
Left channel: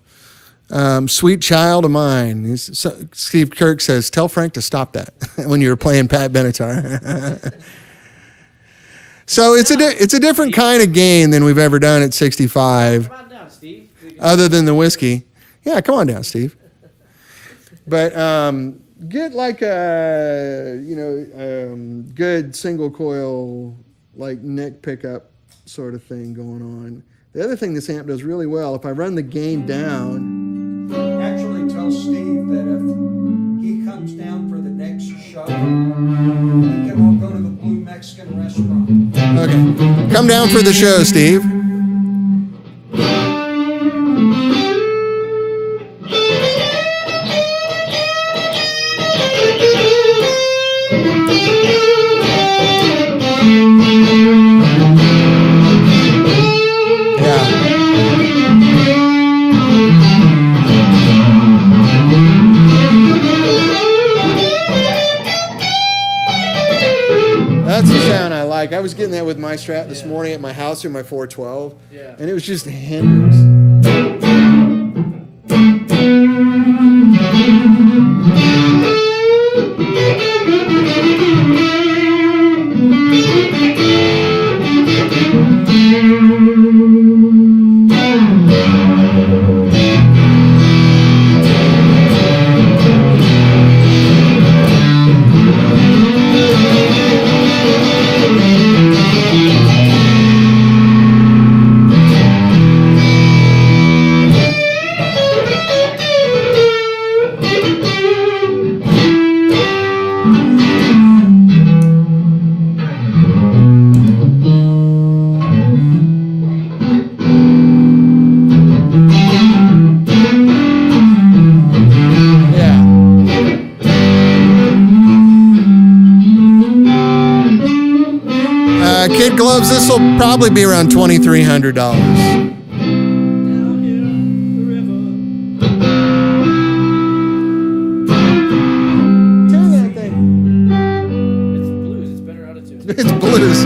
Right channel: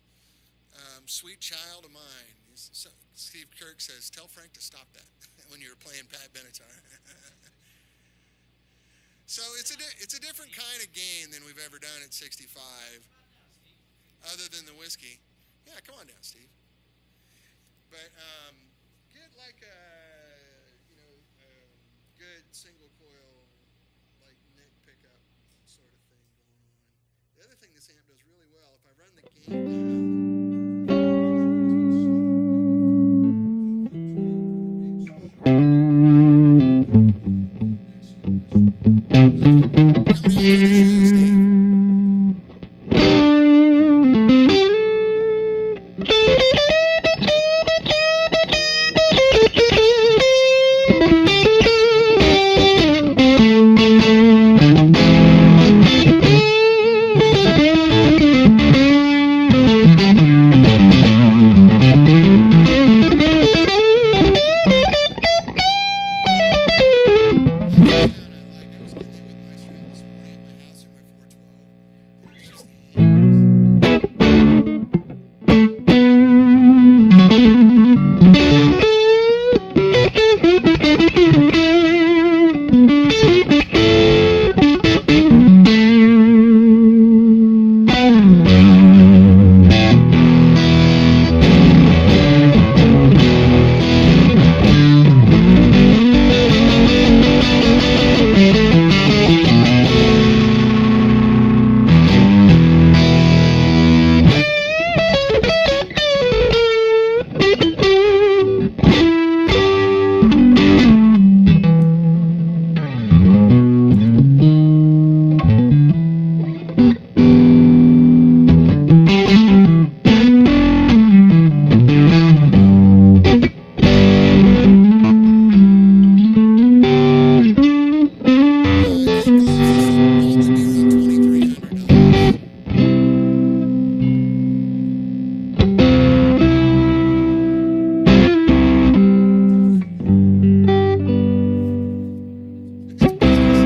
sweet child of mine. Steve Kirk says, tell Frank to stop that when you were playing Pat Benatar. So it's a different kind of game than we've ever done at 65. Come on down, Steve. Other than the whiskey. Yeah, come on down, Steve. But get like a, good single coil, like neck pickup sort of thing going on. The other thing this amp does really well, if I run the gain down. Actually tell Steve that if he comes down for the next show, he can all go to the Blue Mexican restaurant. Okay. Come down for the show, Steve. I was getting that with my Strat this morning at my house through my 412, and it was just hammers. This will probably be around $2,300. Turn that thing. It's blues. It's better out of tune. It's blues.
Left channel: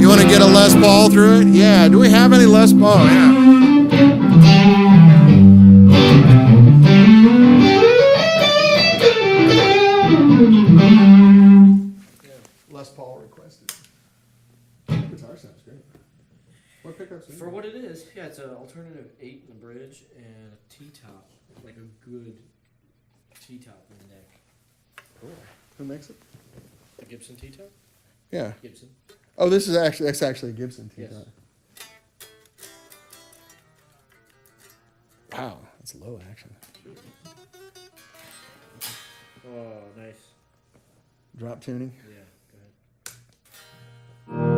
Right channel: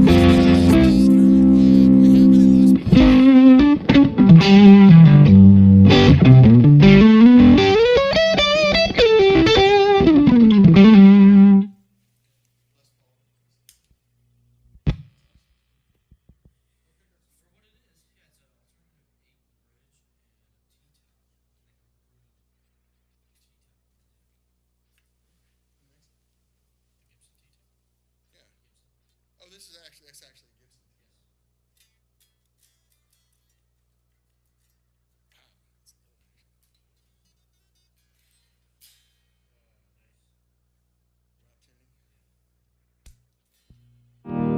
You want to get a Les Paul through it? Yeah. Do we have any Les Paul? Yeah. For what it is, yeah, it's an alternative 8 in the bridge and a T-top, like a good T-top in the neck. Cool. Who makes it? The Gibson T-top? Yeah. Gibson. Oh, that's actually a Gibson T-top. Yes. Wow, that's low action. Oh, nice. Drop tuning. Yeah, go ahead.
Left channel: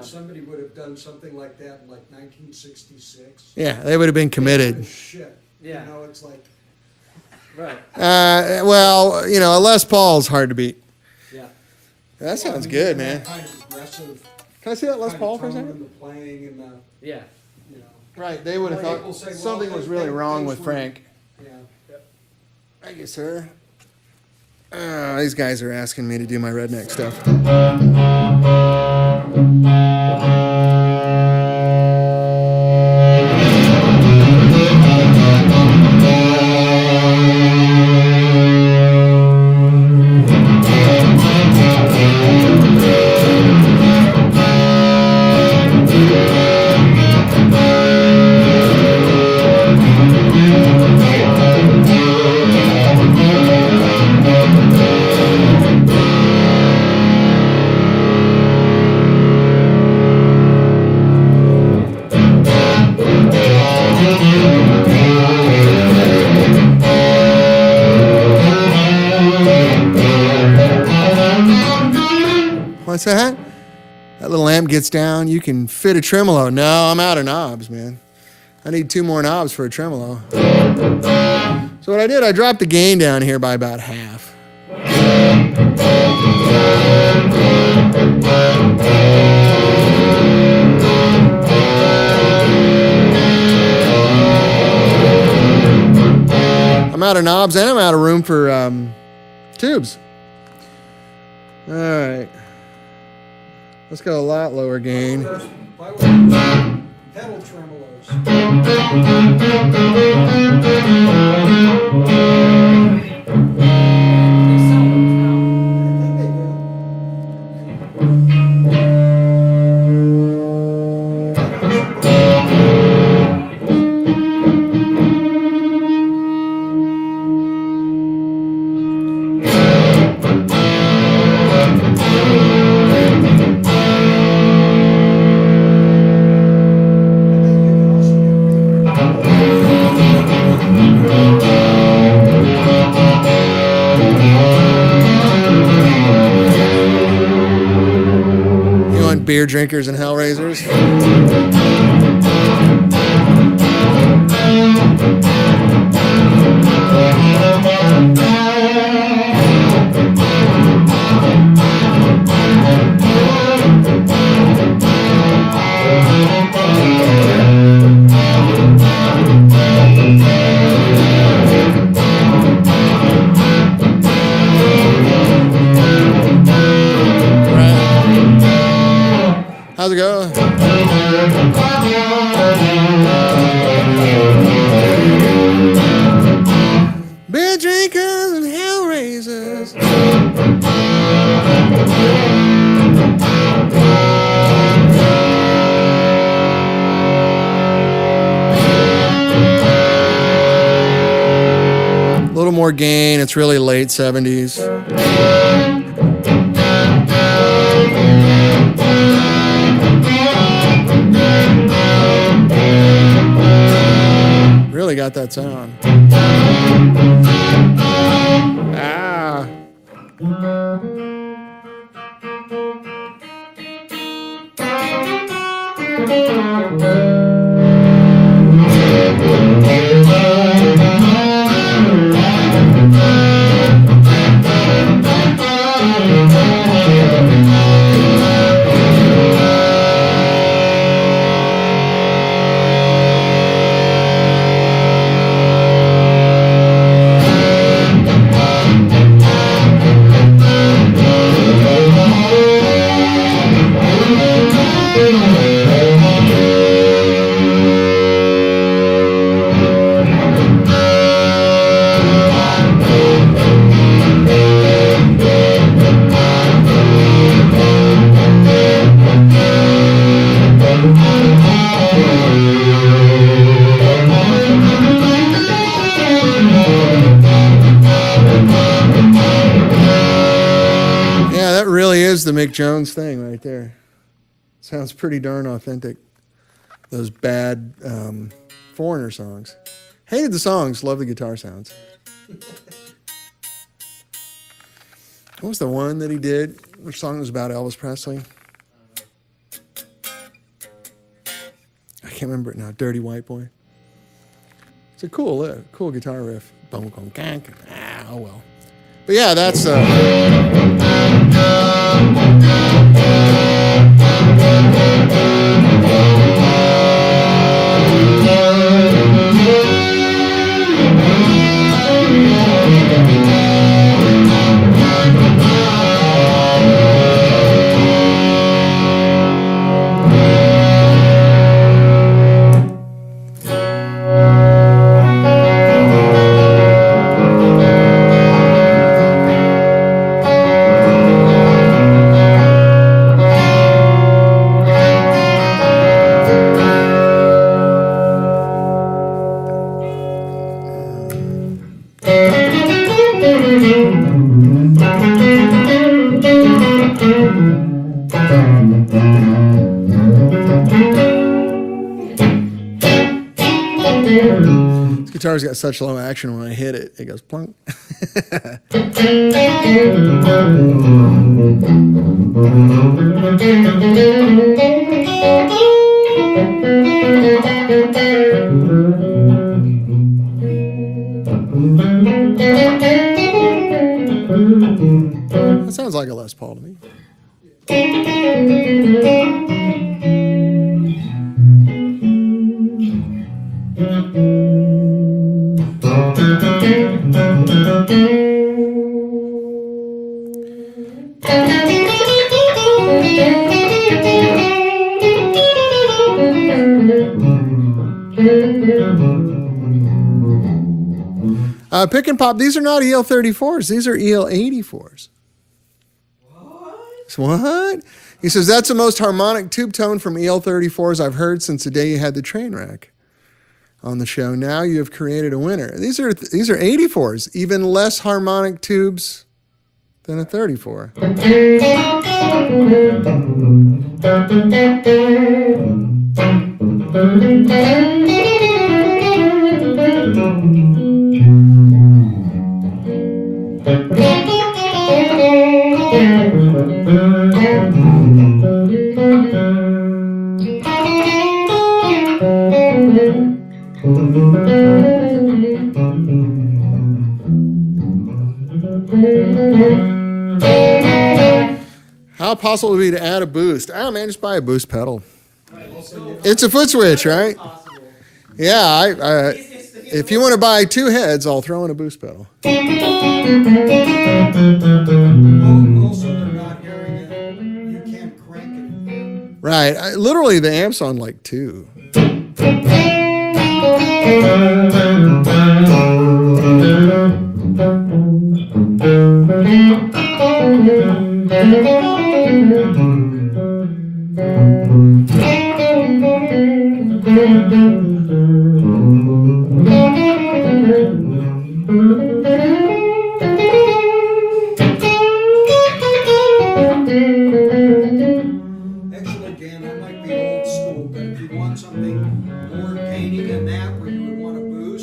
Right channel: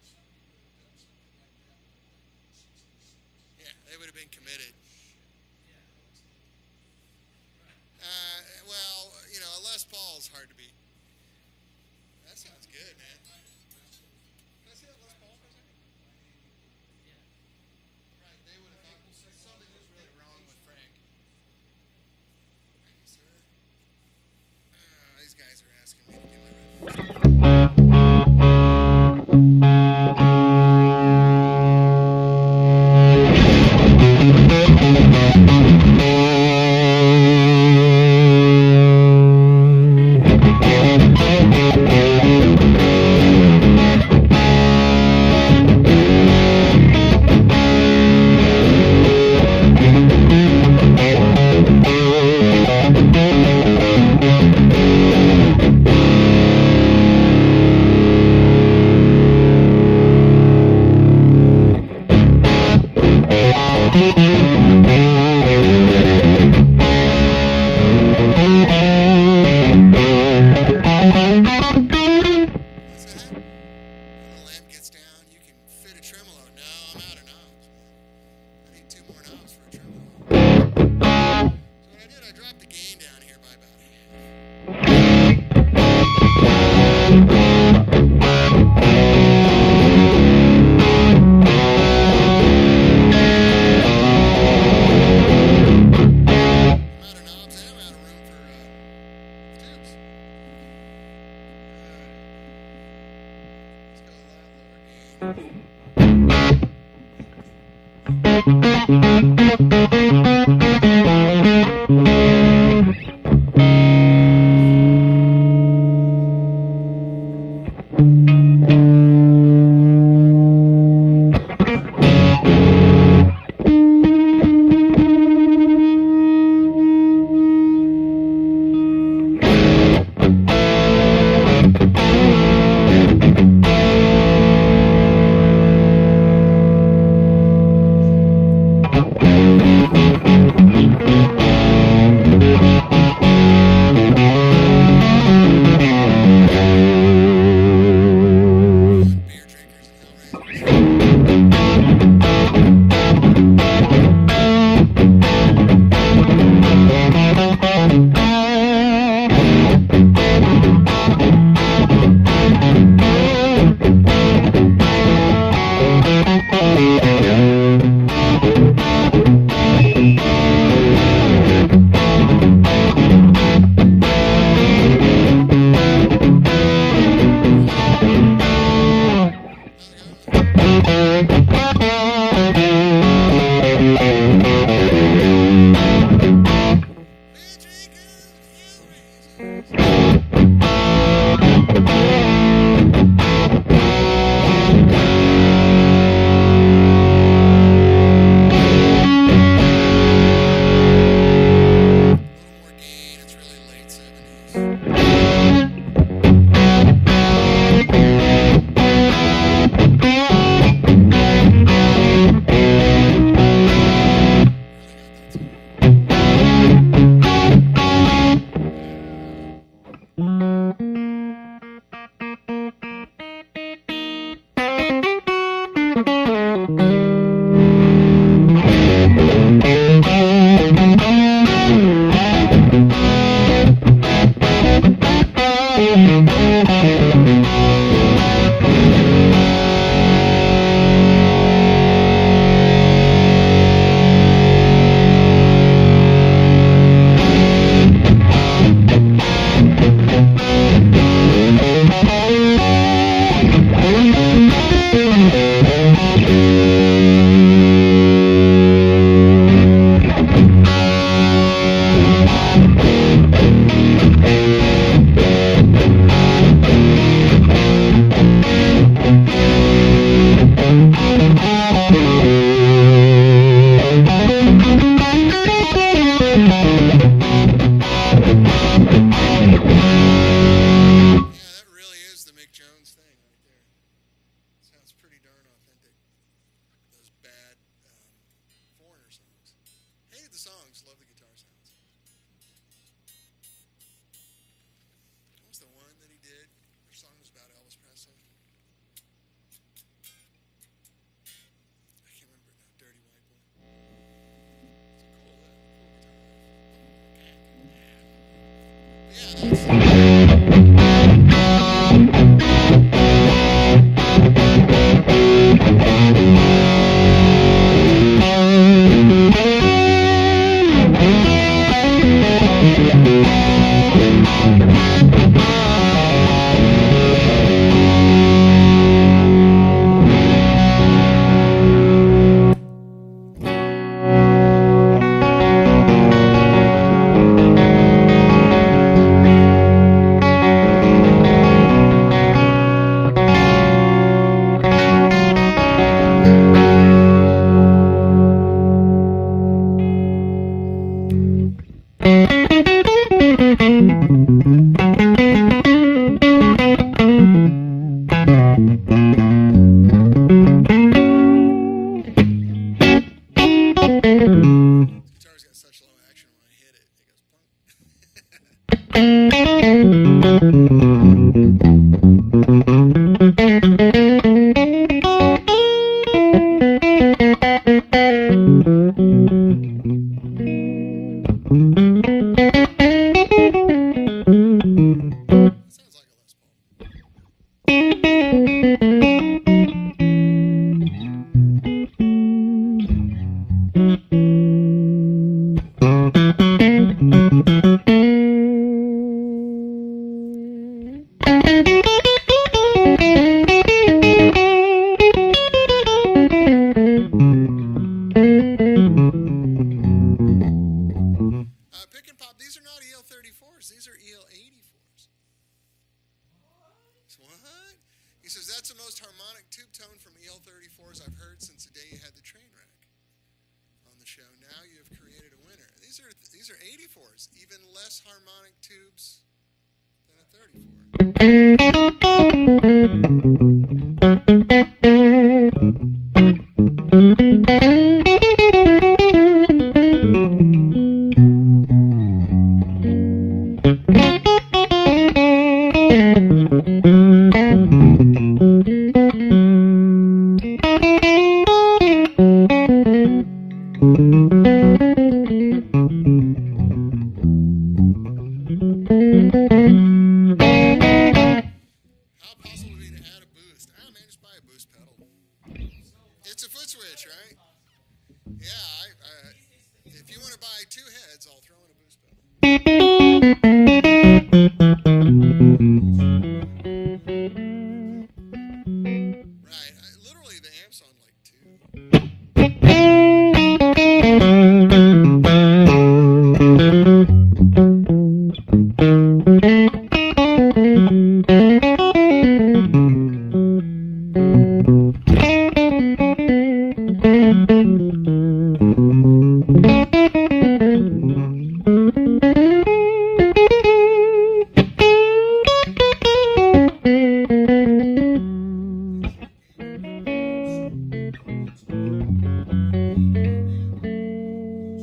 that somebody would have done something like that in like 1966. Yeah, they would have been committed. Shit. Yeah. You know, it's like, Right. Well, you know, a Les Paul's hard to beat. Yeah. That sounds I mean, good, even man. that kind of aggressive Can I see that Les kind of Paul for a tone second? in the playing and the, Yeah. you know. Right, they would have Well, thought people say, well, something was they- really they- wrong things with were- Frank. Yeah. Thank you, sir. These guys are asking me to do my redneck stuff. What's that? That little amp gets down, you can fit a tremolo. No, I'm out of knobs, man. I need 2 more knobs for a tremolo. So what I did, I dropped the gain down here by about half. I'm out of knobs and I'm out of room for tubes. All right. Let's go a lot lower gain. Why were pedal tremolos? You want beer drinkers and hellraisers? How's it go? Beer drinkers and hellraisers. A little more gain. It's really late 70s. Really got that sound. Ah. Yeah, that really is the Mick Jones thing right there. Sounds pretty darn authentic. Those bad Foreigner songs. Hated the songs, love the guitar sounds. What was the one that he did? Which song was about Elvis Presley? can't remember it now. Dirty White Boy. It's a cool guitar riff. Oh well. But yeah, that's guitar's got such low action. When I hit it, it goes plunk. That sounds like a Les Paul to me. Pick and Pop, these are not EL34s. These are EL84s. What? He says, that's the most harmonic tube tone from EL34s I've heard since the day you had the train wreck on the show. Now you have created a winner. These are 84s, even less harmonic tubes than a 34. How possible would it be to add a boost? Oh man, just buy a boost pedal. It's a foot switch, right? Yeah, if you want to buy two heads, I'll throw in a boost pedal. Also, they're not hearing it. You can't crank it. Right. Literally, the amp's on like 2.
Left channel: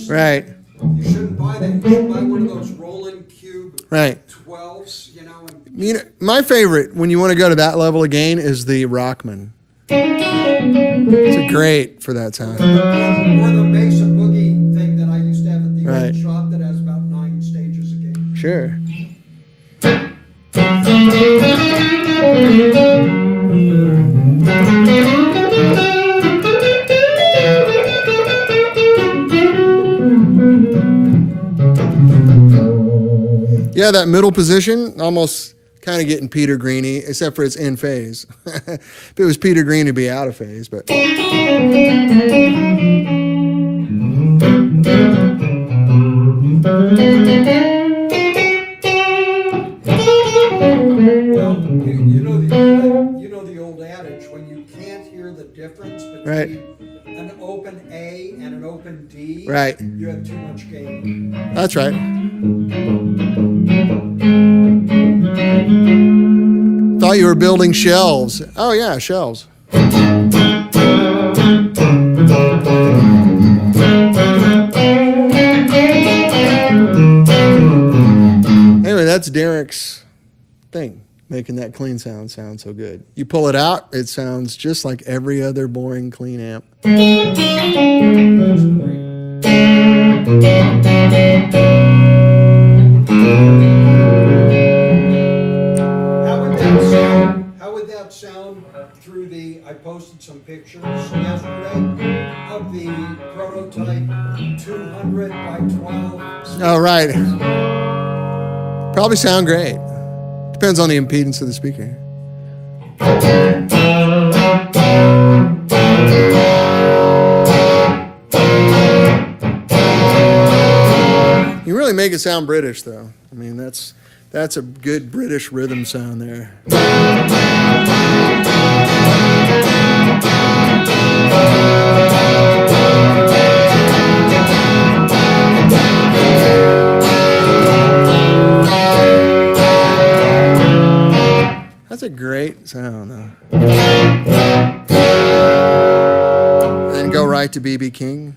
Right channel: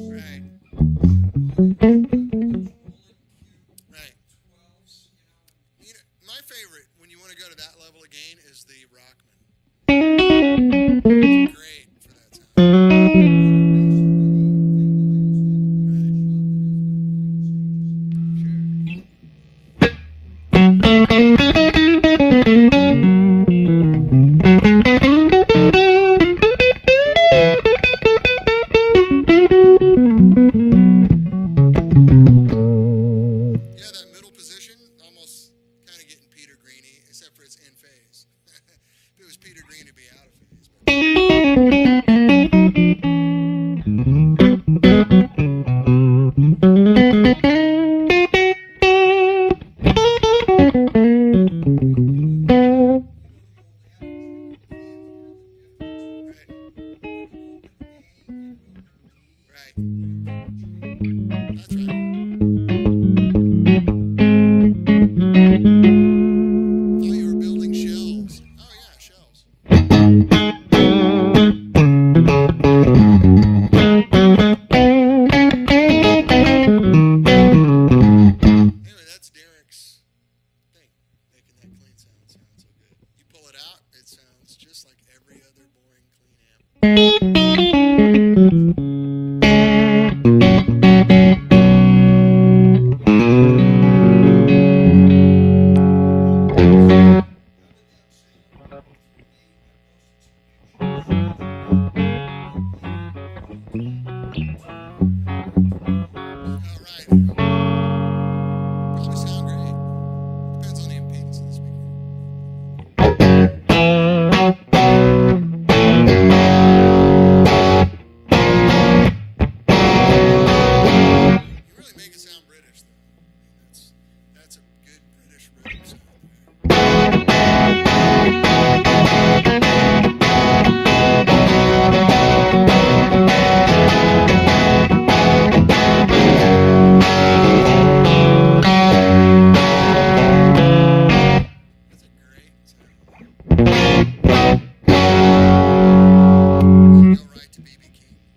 Right. You shouldn't buy that. You should buy one of those rolling cube right. 12s, you know. You know, my favorite when you want to go to that level of gain is the Rockman. It's great for that time. Or the Mesa Boogie thing that I used to have at the old shop that has about 9 stages of gain. Sure. Yeah, that middle position, almost kind of getting Peter Greeny, except for it's in phase. If it was Peter Green, it'd be out of phase, but. Well, you know the old adage, when you can't hear the difference between an open A and an open D, you have too much gain. That's right. Thought you were building shelves. Oh yeah, shelves. Anyway, that's Derek's thing, making that clean sound sound so good. You pull it out, it sounds just like every other boring clean amp. How would that sound through the? I posted some pictures yesterday of the prototype 200 by 12. Oh, right. Probably sound great. Depends on the impedance of the speaker. You really make it sound British, though. I mean, that's a good British rhythm sound there. That's a great sound, though. And then go right to B.B. King.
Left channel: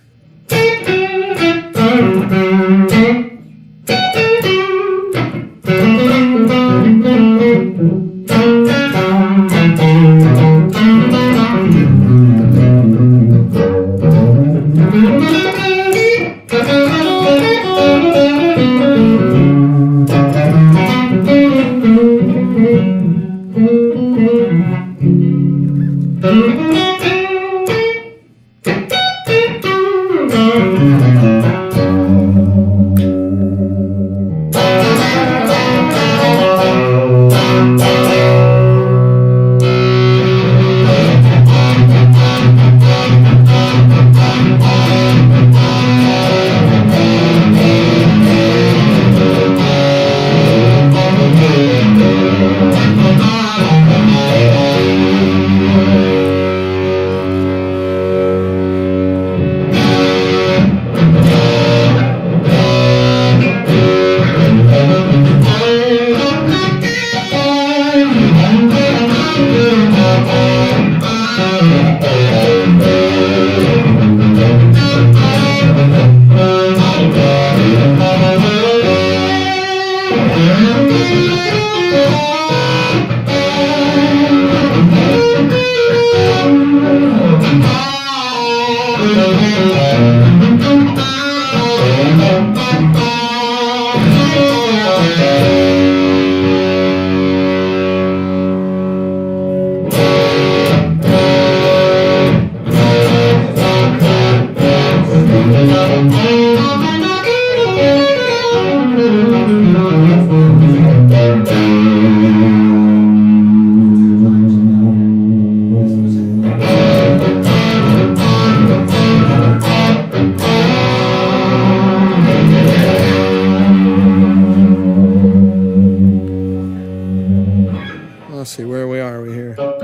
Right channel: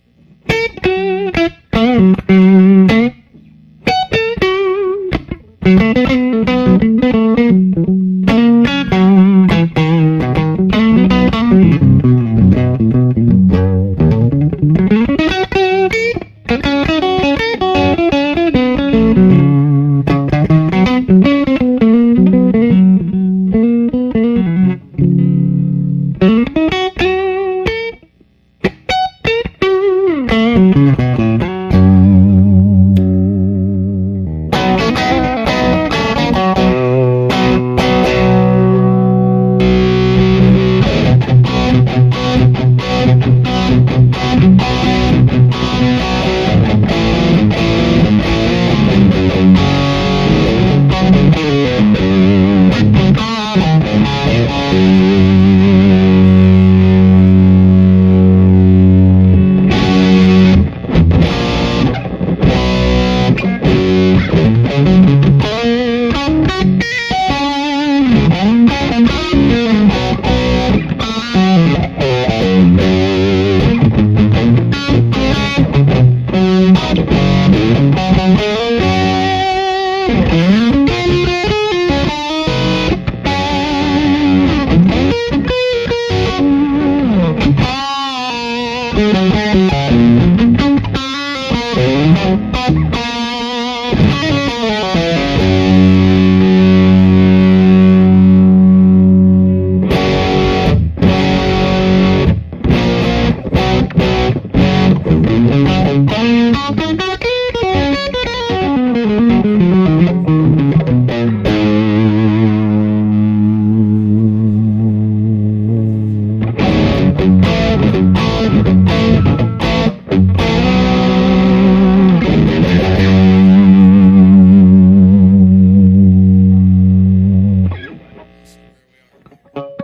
Let's see, where are we here? They said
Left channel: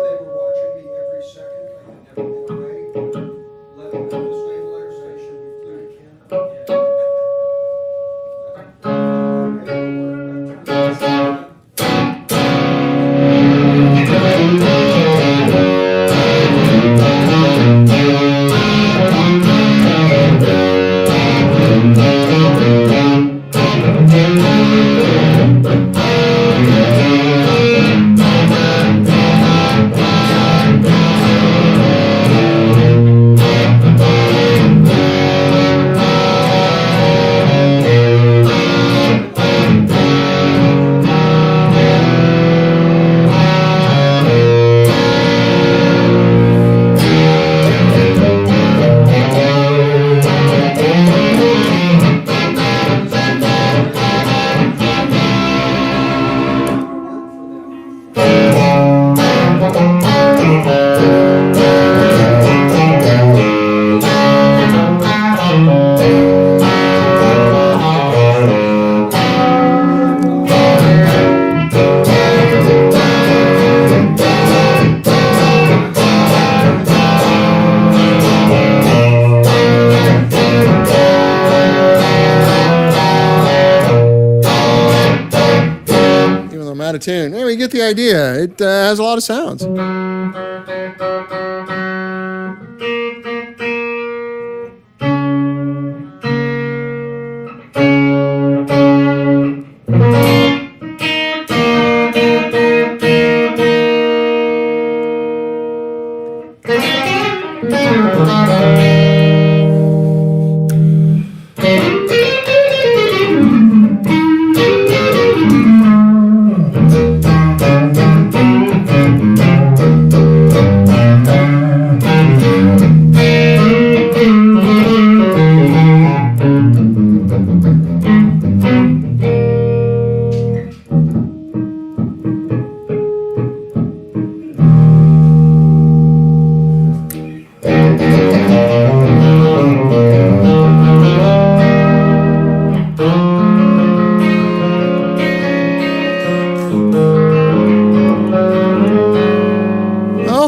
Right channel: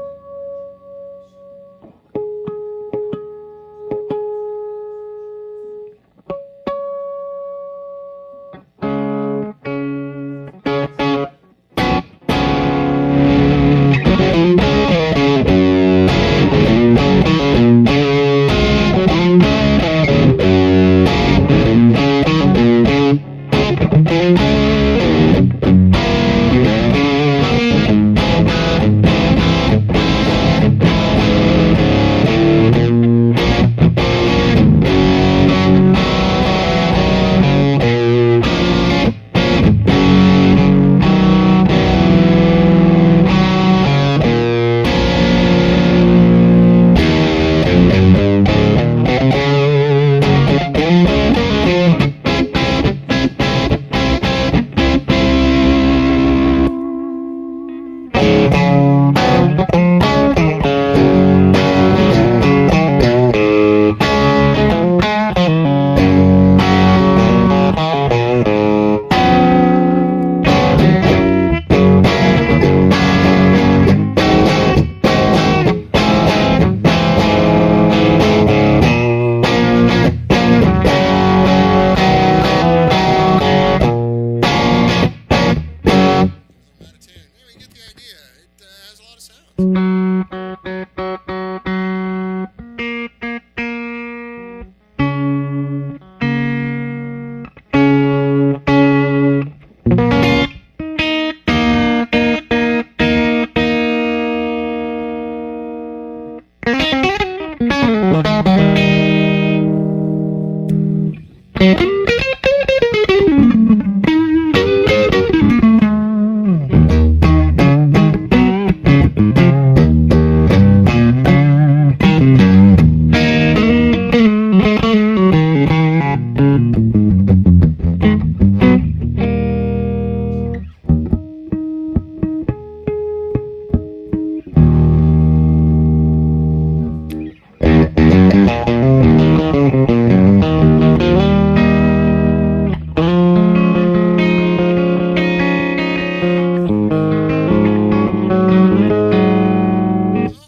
they were watching me every second. I had never been away. Letting go the stabilization with the camera. Out of tune. Anyway, you get the idea. It has a lot of sounds.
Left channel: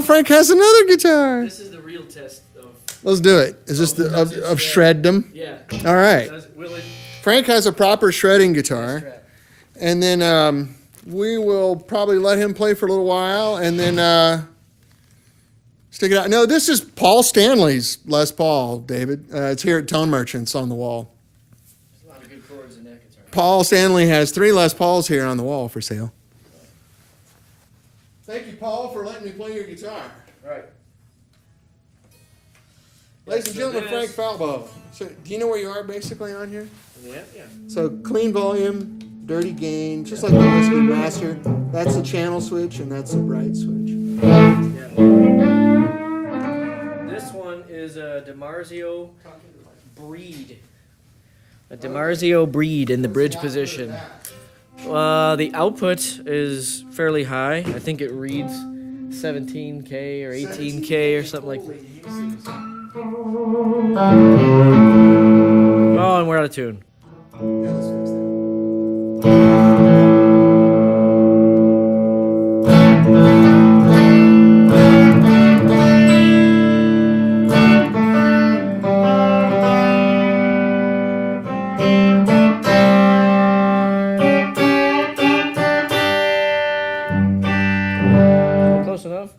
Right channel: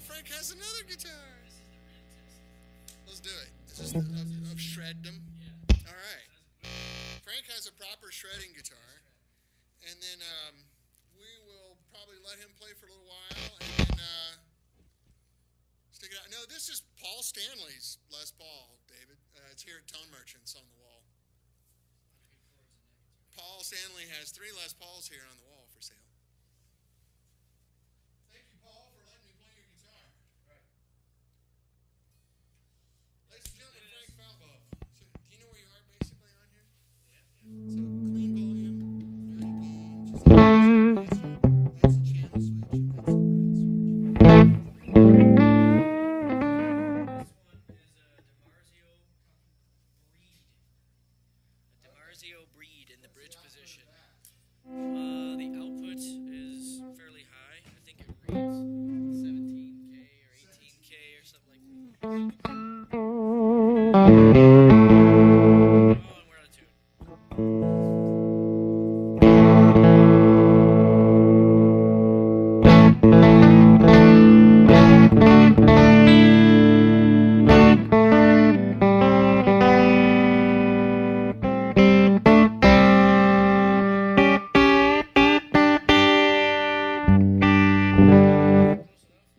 Frank has another guitar. This is the real test of. Let's do it. Is this the of shred them? Yeah. All right. Will it Frank has a proper shredding guitar, strap? and then we will probably let him play for a little while, and then stick it out. No, this is Paul Stanley's Les Paul, David. It's here at Tone Merchants on the wall. There's a lot of good chords in that guitar. Paul Stanley has 3 Les Pauls here on the wall for sale. Thank you, Paul, for letting me play your guitar. Right. Ladies and gentlemen, Frank Falbo. So, do you know where you are basically on here? Yeah, yeah. So, clean volume, dirty gain, just like the rest of the master. That's the channel switch, and that's the bright switch. Yeah. This one is a DiMarzio Breed. A DiMarzio Breed in the bridge position. The output is fairly high. I think it reads 17K or 18K or something like that. Oh, and we're out of tune. Close enough?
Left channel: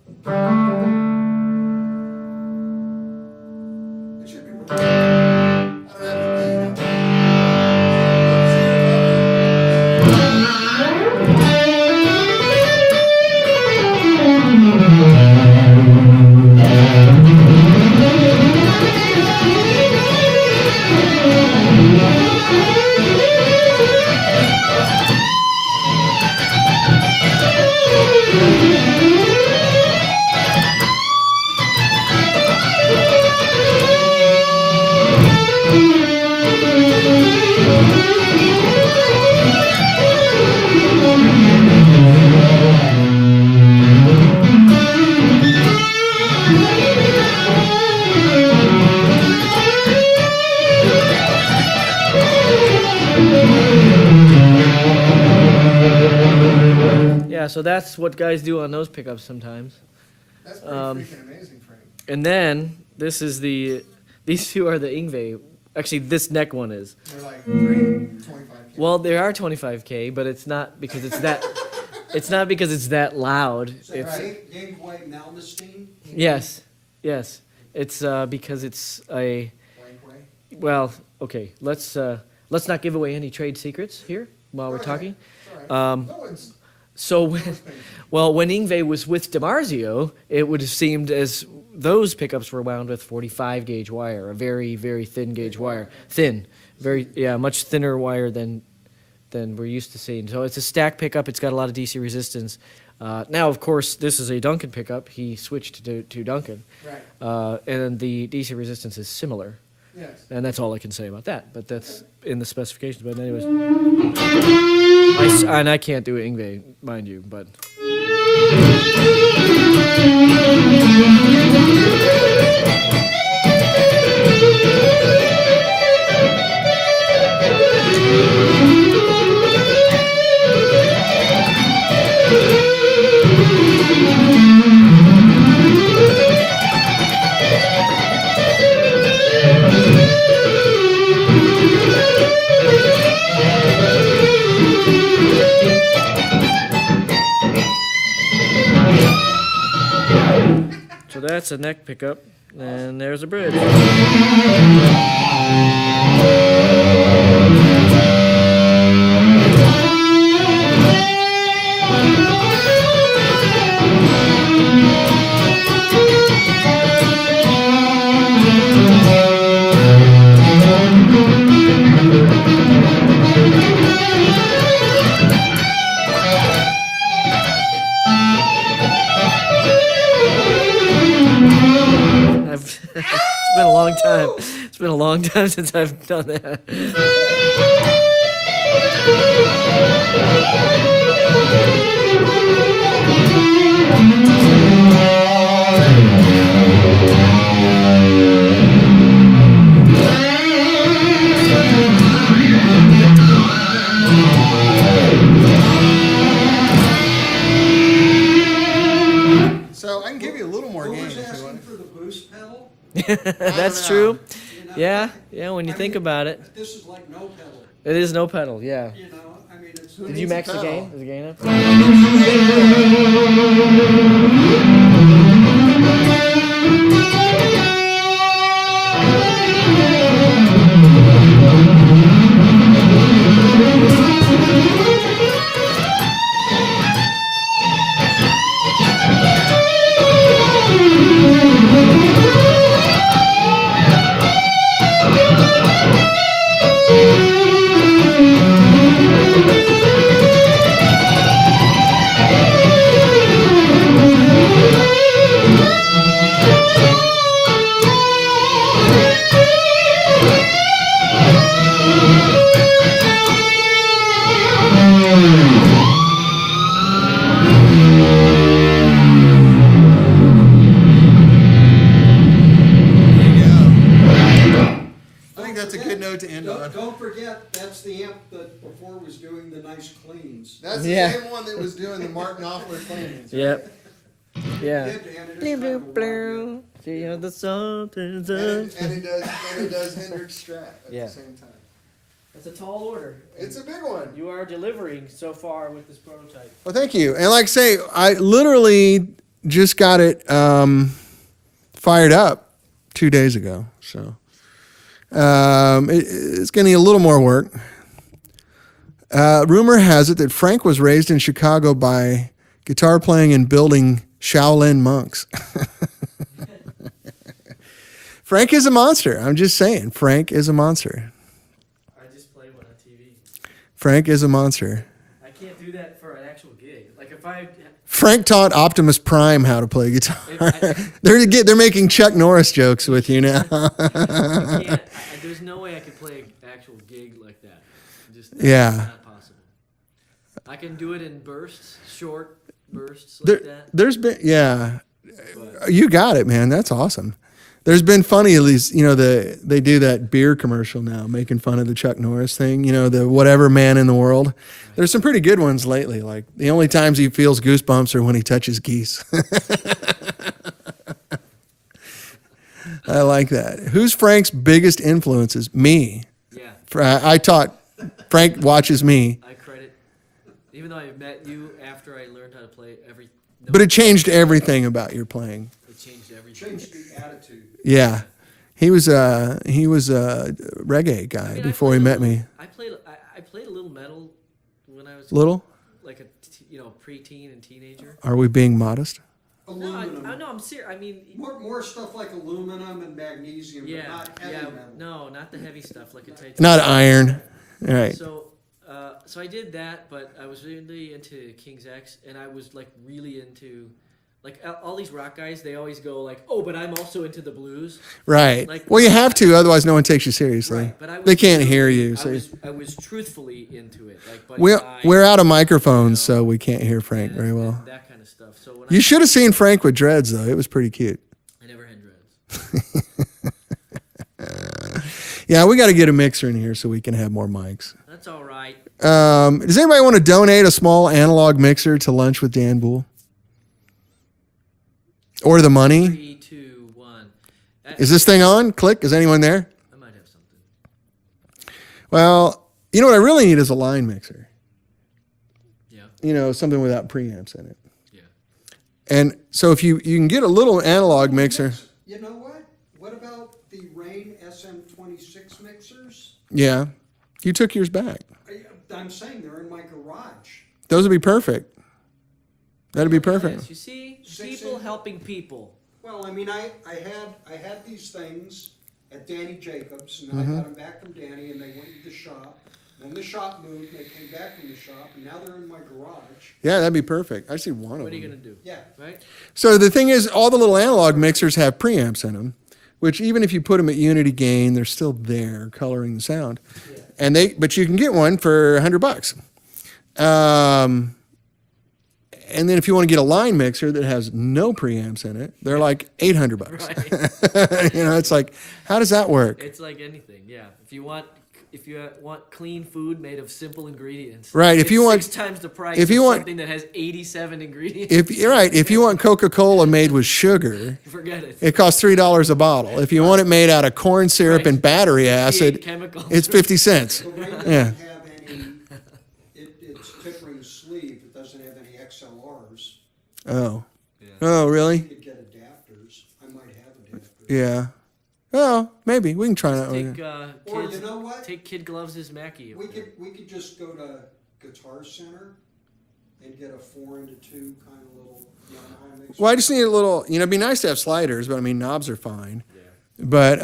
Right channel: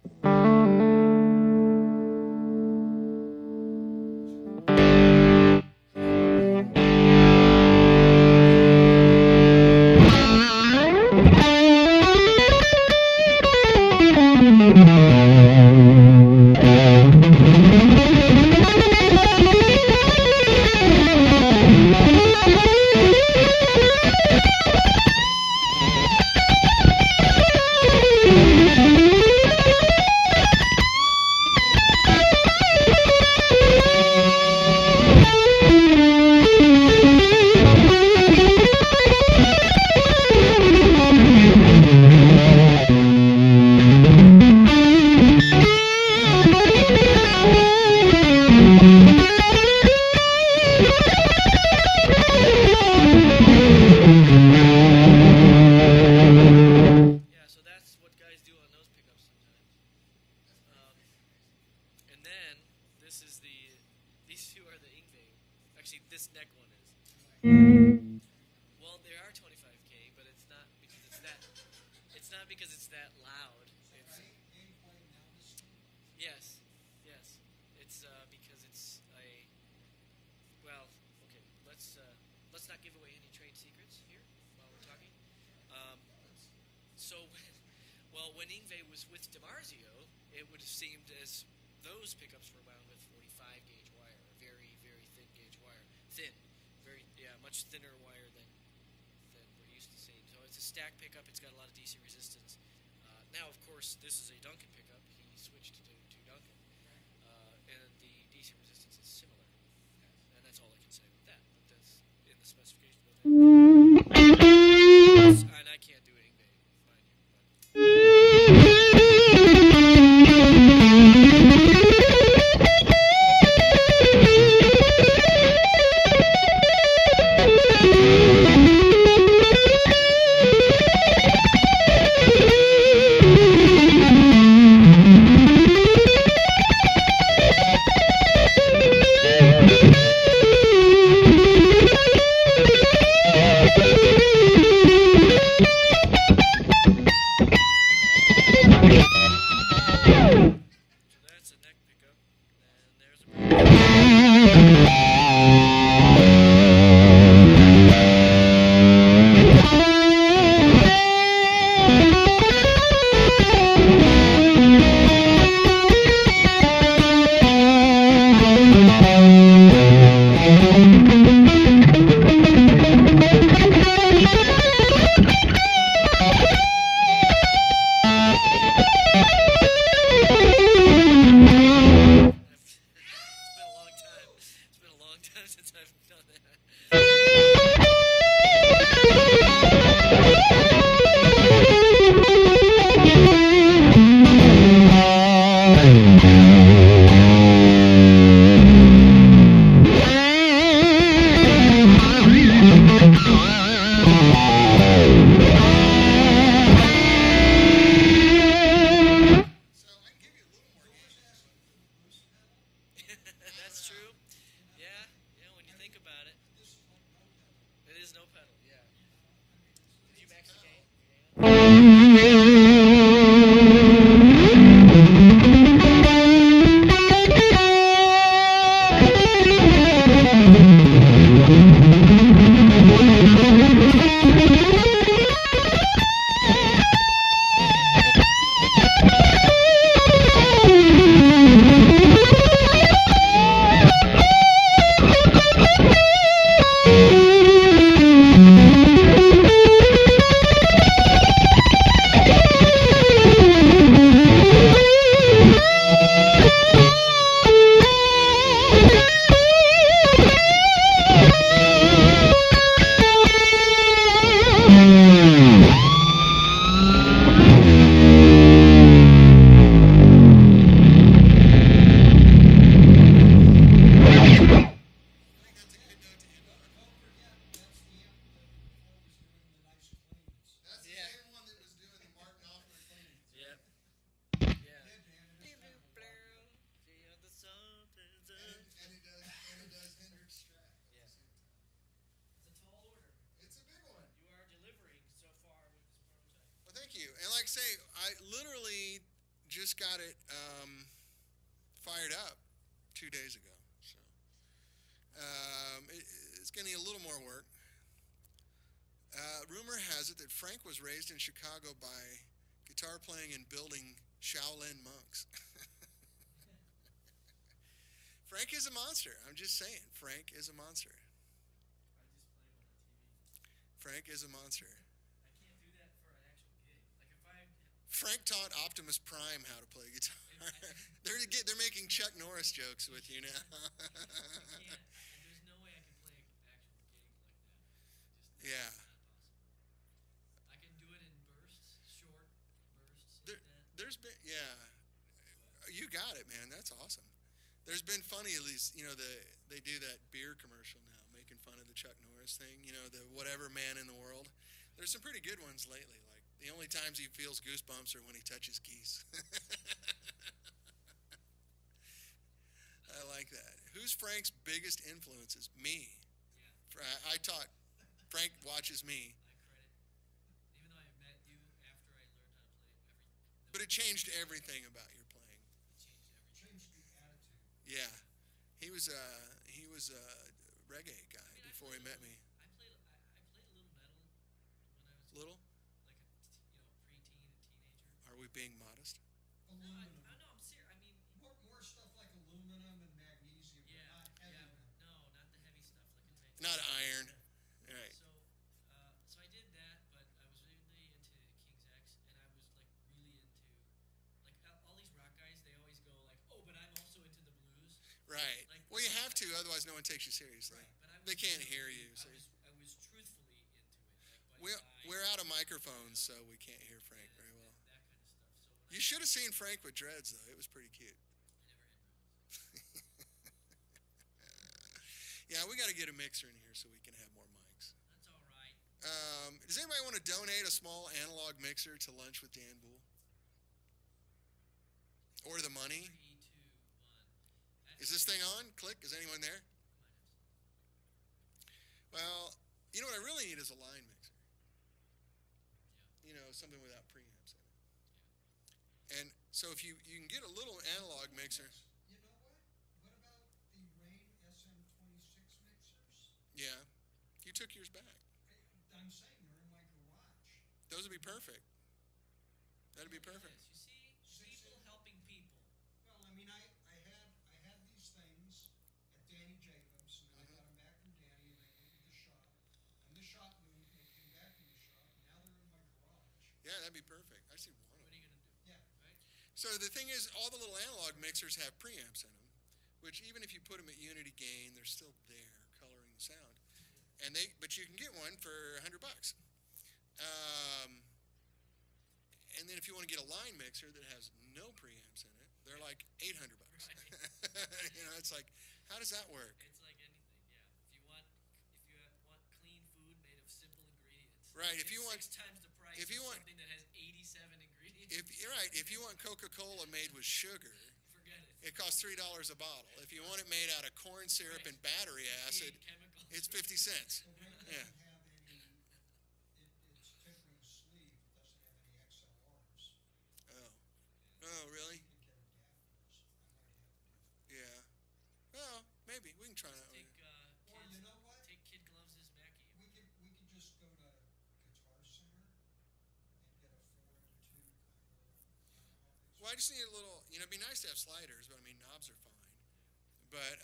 So that's what guys do on those pickups sometimes. That's pretty freaking amazing, Frank. And then this is these two are the Yngwie. Actually, this neck one is. They're like 25K. Well, they are 25K, but it's not because it's that. It's not because it's that loud. It's Yngwie Malmsteen? yes. It's because it's a. Well, okay. Let's not give away any trade secrets here while we're talking. So when Yngwie was with DiMarzio, it would have seemed as those pickups were wound with 45 gauge wire, a very, very thin gauge wire. Thin. Much thinner wire than we're used to seeing. So it's a stack pickup. It's got a lot of DC resistance. Now, of course, this is a Duncan pickup. He switched to Duncan. Right. And the DC resistance is similar. Yes. And that's all I can say about that. But that's in the specifications. But anyways. And I can't do Yngwie, mind you, but. So that's a neck pickup, and there's a bridge. It's been a long time. It's been a long time since I've done that. So I can give you a little more Who gain was if you asking want. for the boost pedal? That's know. true. You know, Yeah, when you I think mean, about it. This is like no pedal, It is no pedal, yeah. you know, I mean, it's. Did you needs a max the pedal? gain? Is the gain up? I think that's a good note to end on. Don't forget, that's the amp that before was doing the nice cleans. That's the Yeah. same one that was doing the Mark Knopfler cleanings. Yep. Yeah. And it is Blue, kind blue, of a blue. See how the sun turns And up. it does Hendrix Strat at Yeah. the same time. That's a tall order. It's a big one. You are delivering so far with this prototype. Well, thank you. And like I say, I literally just got it fired up 2 days ago. So it's going to need a little more work. Rumor has it that Frank was raised in Chicago by guitar playing and building Shaolin monks. Frank is a monster. I'm just saying. Frank is a monster. I just play one on TV. Frank is a monster. I can't do that for an actual gig. Like if I, Frank taught Optimus Prime how to play guitar. They're making Chuck Norris jokes with you now. there's no way I could play an actual gig like that. Just Yeah. not possible. I can do it in bursts, short bursts like There, that. there's been, yeah, But you got it, man. That's awesome. There's been funny, at least, they do that beer commercial now, making fun of the Chuck Norris thing, the whatever man in the world. There's some pretty good ones lately. Like the only times he feels goosebumps are when he touches geese. I like that. Who's Frank's biggest influences? Me. yeah, I taught, Frank watches me, I credit. Even though I met you after I learned how to play every. No, but it changed everything about your playing. it changed everything. Changed the attitude. Yeah. He was a reggae guy I mean, before he met me. I played a little metal when I was Little? like a preteen and teenager. Are we being modest? Aluminum. No, I'm serious. I mean, More stuff like aluminum and magnesium, yeah, but not heavy yeah, metal. no, not the heavy stuff like a titanium. Not iron. All right. So I did that, but I was really into King's X, and I was like really into, like all these rock guys. They always go like, "Oh, but I'm also into the blues." Right. Like- Well, you have to, otherwise no one takes you seriously. Right, but I was They can't hear truthfully- you. So I was truthfully into it. Like, Buddy we're Guy, we're out of microphones, so we can't hear Frank and- very well. and that kind of stuff. So when You should have seen Frank with dreads, though. It was pretty cute. I never had dreads. Yeah, we got to get a mixer in here so we can have more mics. That's all right. Does anybody want to donate a small analog mixer to Lunch with Dan Boul? Or the money? 3, 2, 1. Is this thing on? Click. Is anyone there? I might have something. Well, you know what I really need is a line mixer. Yeah. Something without preamps in it. Yeah. And so if you can get a little analog mixer, You know what? What about the Rane SM26 mixers? yeah, you took yours back. I'm saying they're in my garage. Those would be perfect. That'd be perfect. Yes, you see, 6 people inch. helping people. Well, I mean, I had these things at Danny Jacobs, and Mm-hmm. I got them back from Danny, and they went to the shop. When the shop moved, they came back from the shop, and now they're in my garage. Yeah, that'd be perfect. I see one of What are you them. gonna do? Yeah. Right? So the thing is, all the little analog mixers have preamps in them, which even if you put them at unity gain, they're still there coloring the sound. Yeah. But you can get one for $100. And then if you want to get a line mixer that has no preamps in it, they're like $800. Right. It's like, how does that work? It's like anything. Yeah. If you want if you want clean food made of simple ingredients, Right. If it's you want 6 times the price if you of want- something that has 87 ingredients, if you want Coca-Cola made with sugar, forget it. it costs $3 a bottle. If you want it made out of corn syrup and battery acid, Chemicals. it's 50 cents. The Ray Yeah. doesn't have any, it's tip ring sleeve, it doesn't have any XLRs. Oh. Oh, really? You could get adapters, I might have adapters. Yeah. Oh, maybe we can try that. Take Or kids, you know what? take Kid Gloves as Mackie. We could just go to Guitar Center and get a 4-into-2 kind of little Yamaha mixer. Well, I just need a little. It'd be nice to have sliders, but I mean knobs are fine. But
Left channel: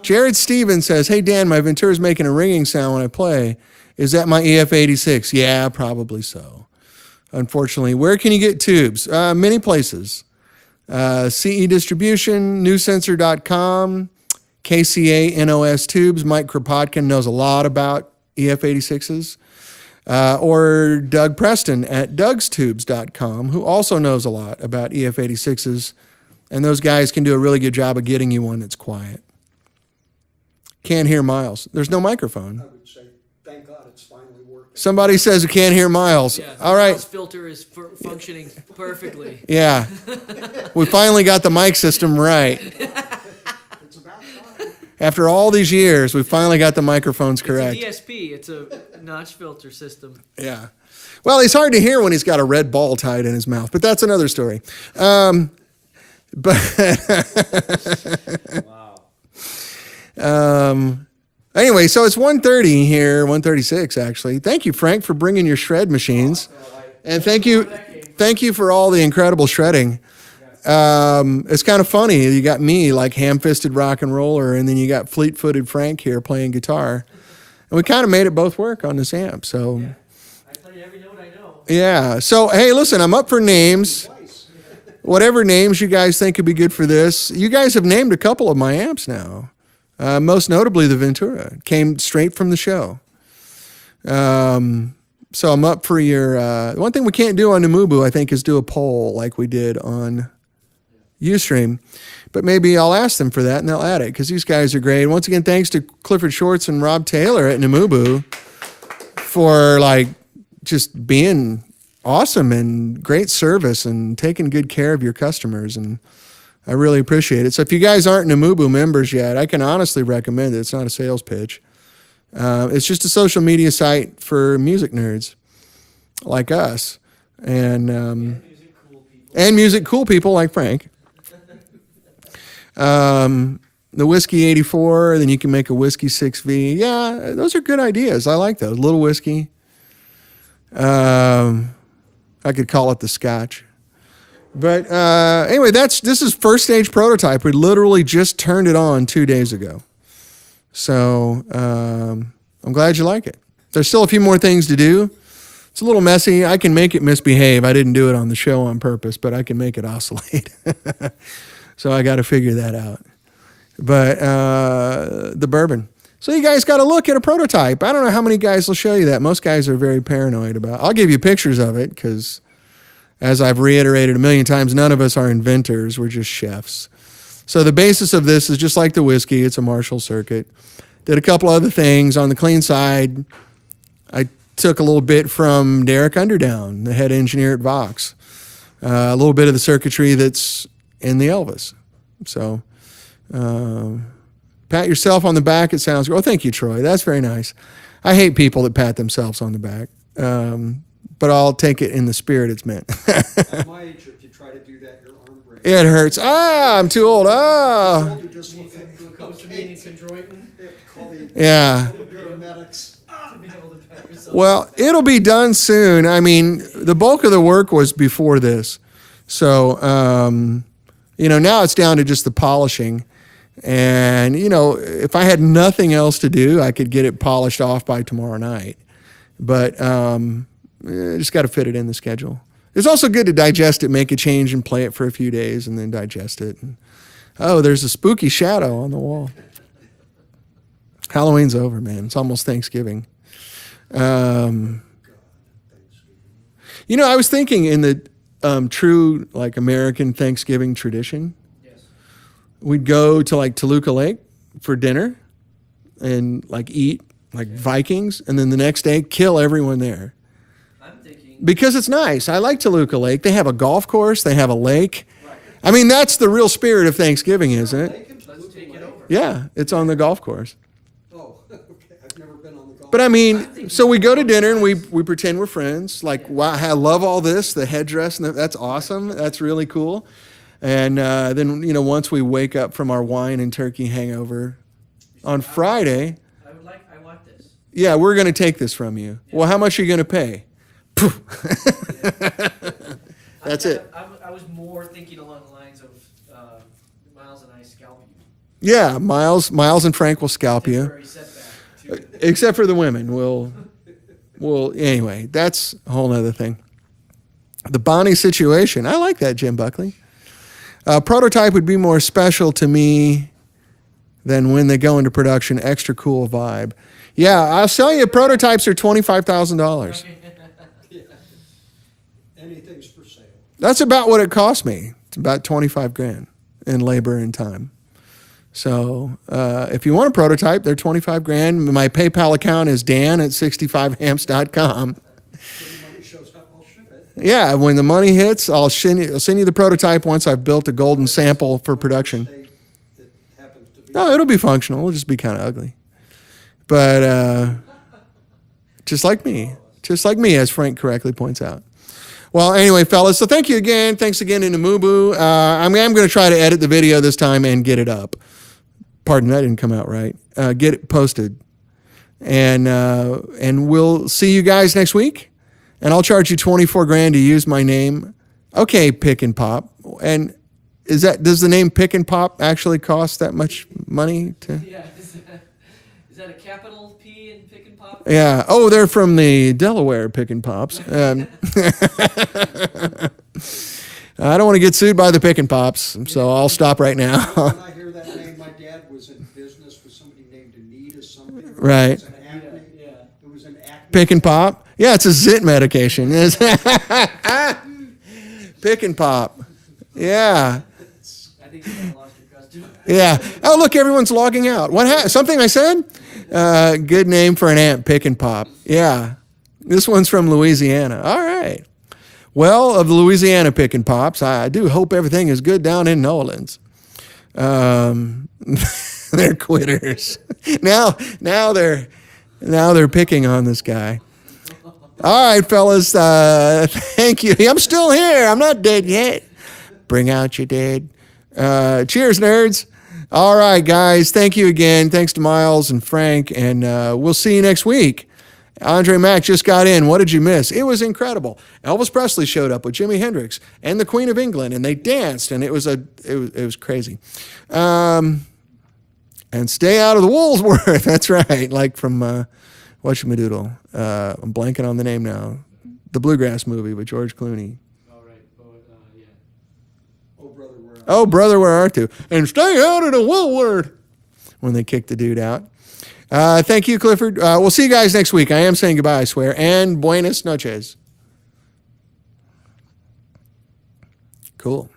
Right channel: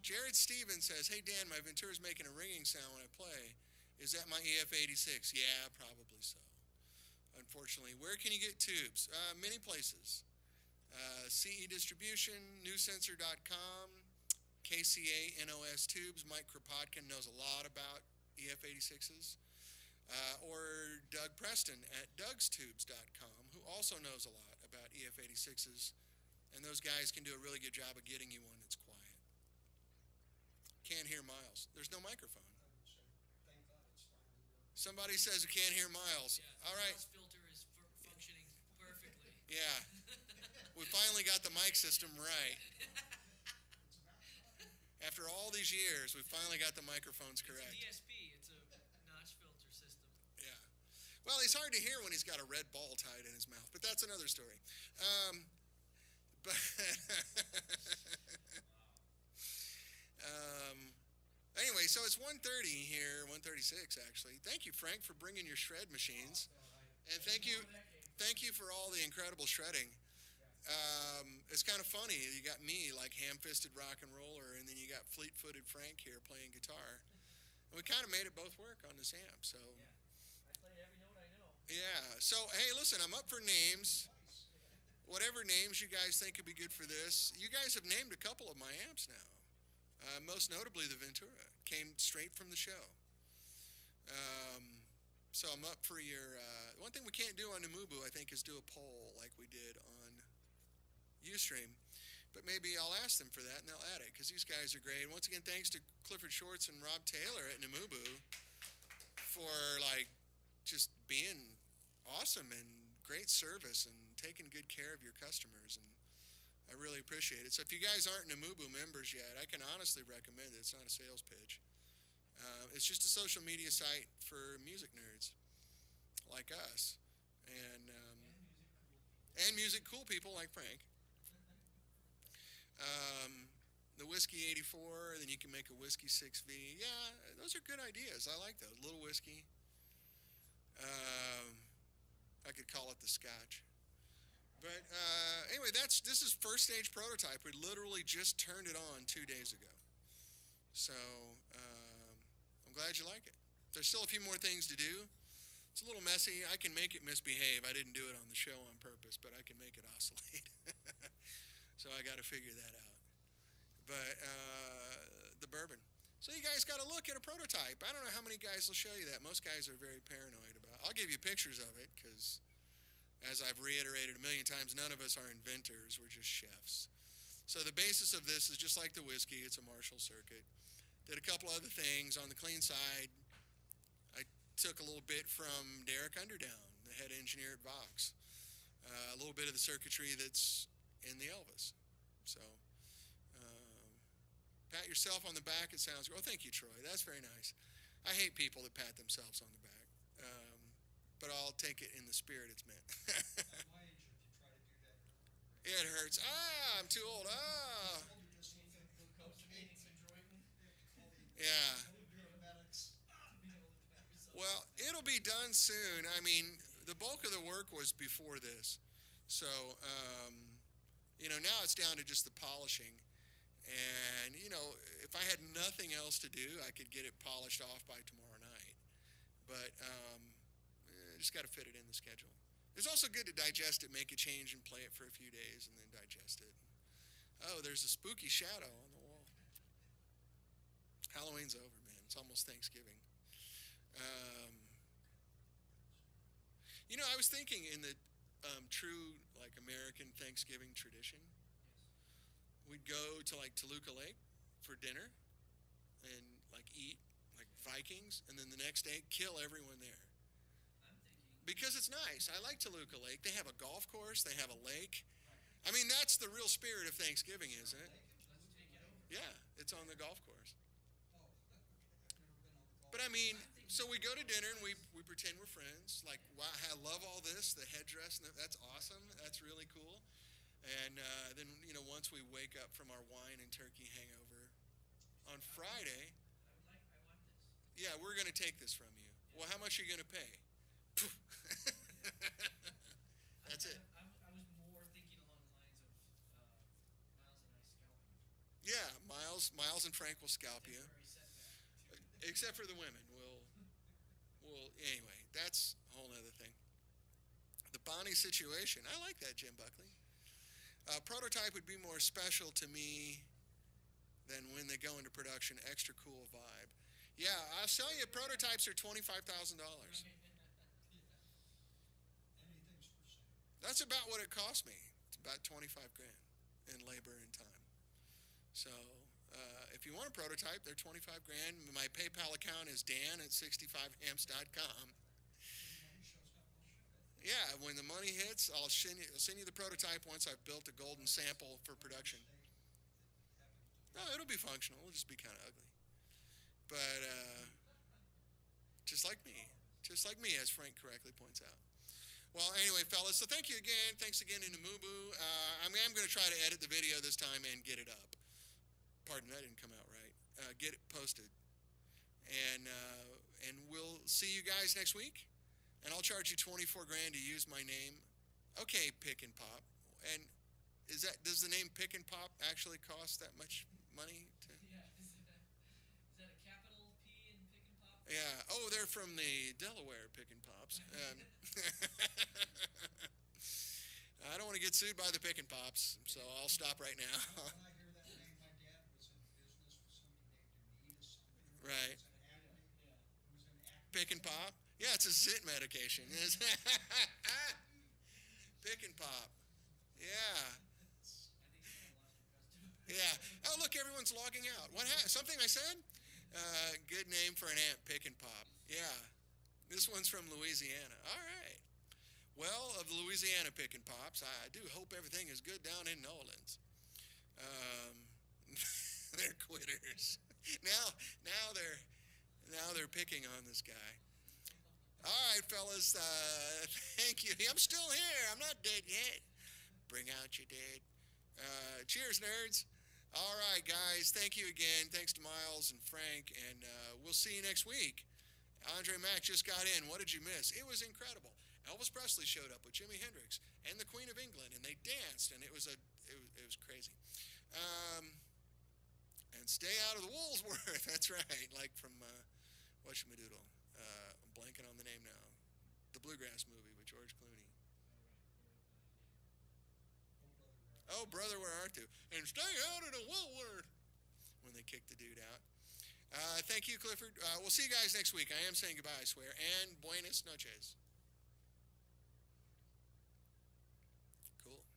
Jared Stevens says, "Hey Dan, my Ventura's making a ringing sound when I play. Is that my EF86? Yeah, probably so. Unfortunately, where can you get tubes? Many places. CE Distribution, newsensor.com, KCA NOS Tubes. Mike Kropotkin knows a lot about EF86s. Or Doug Preston at dougstubes.com, who also knows a lot about EF86s. And those guys can do a really good job of getting you one that's quiet. Can't hear Miles. There's no microphone. I would say, thank God it's finally working. Somebody says you can't hear Miles. Yeah, the All right. Miles filter is functioning perfectly. Yeah. We finally got the mic system right. It's about time. After all these years, we finally got the microphones correct. It's a DSP. It's a notch filter system. Yeah. Well, he's hard to hear when he's got a red ball tied in his mouth, but that's another story. But anyway, so it's 1:30 here, 1:36 actually. Thank you, Frank, for bringing your shred machines, and thank you for all the incredible shredding. It's kind of funny. You got me like ham-fisted rock and roller, and then you got fleet-footed Frank here playing guitar, and we kind of made it both work on this amp. So I play every note I know. yeah. So hey, listen, I'm up for names. Whatever names you guys think could be good for this. You guys have named a couple of my amps now. Most notably the Ventura. It came straight from the show. So I'm up for your... one thing we can't do on Namubu, I think, is do a poll like we did on Ustream. But maybe I'll ask them for that and they'll add it because these guys are great. Once again, thanks to Clifford Shorts and Rob Taylor at Namubu for like just being awesome and great service and taking good care of your customers. And I really appreciate it. So if you guys aren't Namubu members yet, I can honestly recommend it. It's not a sales pitch. It's just a social media site for music nerds like us. And music cool people like Frank. The Whiskey 84, then you can make a Whiskey 6V. Yeah, those are good ideas. I like those. Little whiskey. I could call it the Scotch. But anyway, this is first stage prototype. We literally just turned it on 2 days ago. So I'm glad you like it. There's still a few more things to do. It's a little messy. I can make it misbehave. I didn't do it on the show on purpose, but I can make it oscillate. So I got to figure that out. But the bourbon. So you guys got to look at a prototype. I don't know how many guys will show you that. Most guys are very paranoid about it. I'll give you pictures of it because, as I've reiterated a million times, none of us are inventors. We're just chefs. So the basis of this is just like the whiskey. It's a Marshall circuit. Did a couple other things. On the clean side, I took a little bit from Derek Underdown, the head engineer at Vox. A little bit of the circuitry that's in the Elvis. So pat yourself on the back. It sounds good. Oh, thank you, Troy. That's very nice. I hate people that pat themselves on the back. But I'll take it in the spirit it's meant. At my age, if you try to do that, your arm breaks. It hurts. I'm too old. Ah. You just look at Yeah. paramedics. Well, it'll be done soon. I mean, the bulk of the work was before this. So, now it's down to just the polishing. And, if I had nothing else to do, I could get it polished off by tomorrow night. But just got to fit it in the schedule. It's also good to digest it, make a change, and play it for a few days, and then digest it. And, there's a spooky shadow on the wall. Halloween's over, man. It's almost Thanksgiving. I was thinking in the true American Thanksgiving tradition, we'd go to Toluca Lake for dinner, and like eat like Vikings, and then the next day kill everyone there. I'm thinking Because it's nice. I like Toluca Lake. They have a golf course. They have a lake. I mean, that's the real spirit of Thanksgiving, isn't it? let's take it over. Yeah, it's on the golf course. Oh, okay, I've never been on the golf. But I mean, so we go to dinner and we pretend we're friends. Like, wow, I love all this, the headdress, and that's awesome. That's really cool. And then, you know, once we wake up from our wine and turkey hangover on Friday, I want this. yeah, we're going to take this from you. Well, how much are you going to pay? That's it. I was more thinking along the lines of Miles and I scalp you. Yeah, Miles and Frank will scalp you. Temporary setback to- Except for the women. We'll anyway, that's a whole other thing. The Bonnie situation. I like that, Jim Buckley. Prototype would be more special to me than when they go into production. Extra cool vibe. Yeah, I'll sell you prototypes are $25,000. Anything's for sale. That's about what it cost me. It's about 25 grand in labor and time. So if you want a prototype, they're 25 grand. My PayPal account is dan@65amps.com. When the money shows up, I'll ship it. Yeah, when the money hits, I'll send you the prototype once I've built a golden sample for production. State that happens to be. No, it'll be functional. It'll just be kind of ugly. But just like me, as Frank correctly points out. Well, anyway, fellas, so thank you again. Thanks again to Namubu. I'm going to try to edit the video this time and get it up. Pardon, that didn't come out right. Get it posted. And we'll see you guys next week. And I'll charge you 24 grand to use my name. Okay, Pick and Pop. And does the name Pick and Pop actually cost that much money to? Yeah, is that a capital P in Pick and Pop? Yeah. Oh, they're from the Delaware Pick and Pops. I don't want to get sued by the Pick and Pops, so I'll stop right now. When I hear that name, my dad was in business with somebody named Anita something. Right. It was an acne. Yeah. It was an acne. Pick and Pop? Yeah, it's a zit medication. Pick and Pop. Yeah. I think you might have lost your customer. Yeah. Oh, look, everyone's logging out. Something I said? Good name for an ant, Pick and Pop. Yeah. This one's from Louisiana. All right. Well, of the Louisiana Pick and Pops, I do hope everything is good down in New Orleans. They're quitters. Now they're picking on this guy. All right, fellas. Thank you. I'm still here. I'm not dead yet. Bring out your dead. Cheers, nerds. All right, guys. Thank you again. Thanks to Miles and Frank, and we'll see you next week. Andre Mack just got in. What did you miss? It was incredible. Elvis Presley showed up with Jimi Hendrix and the Queen of England, and they danced, and it was crazy. And stay out of the Woolsworth. That's right. Like from whatchamadoodle. I'm blanking on the name now. The Bluegrass movie with George Clooney. All right. Yeah. Oh, brother, where are Oh, brother, where art you? And stay out of the Woolworth. When they kicked the dude out. Thank you, Clifford. We'll see you guys next week. I am saying goodbye, I swear. And buenas noches. Cool.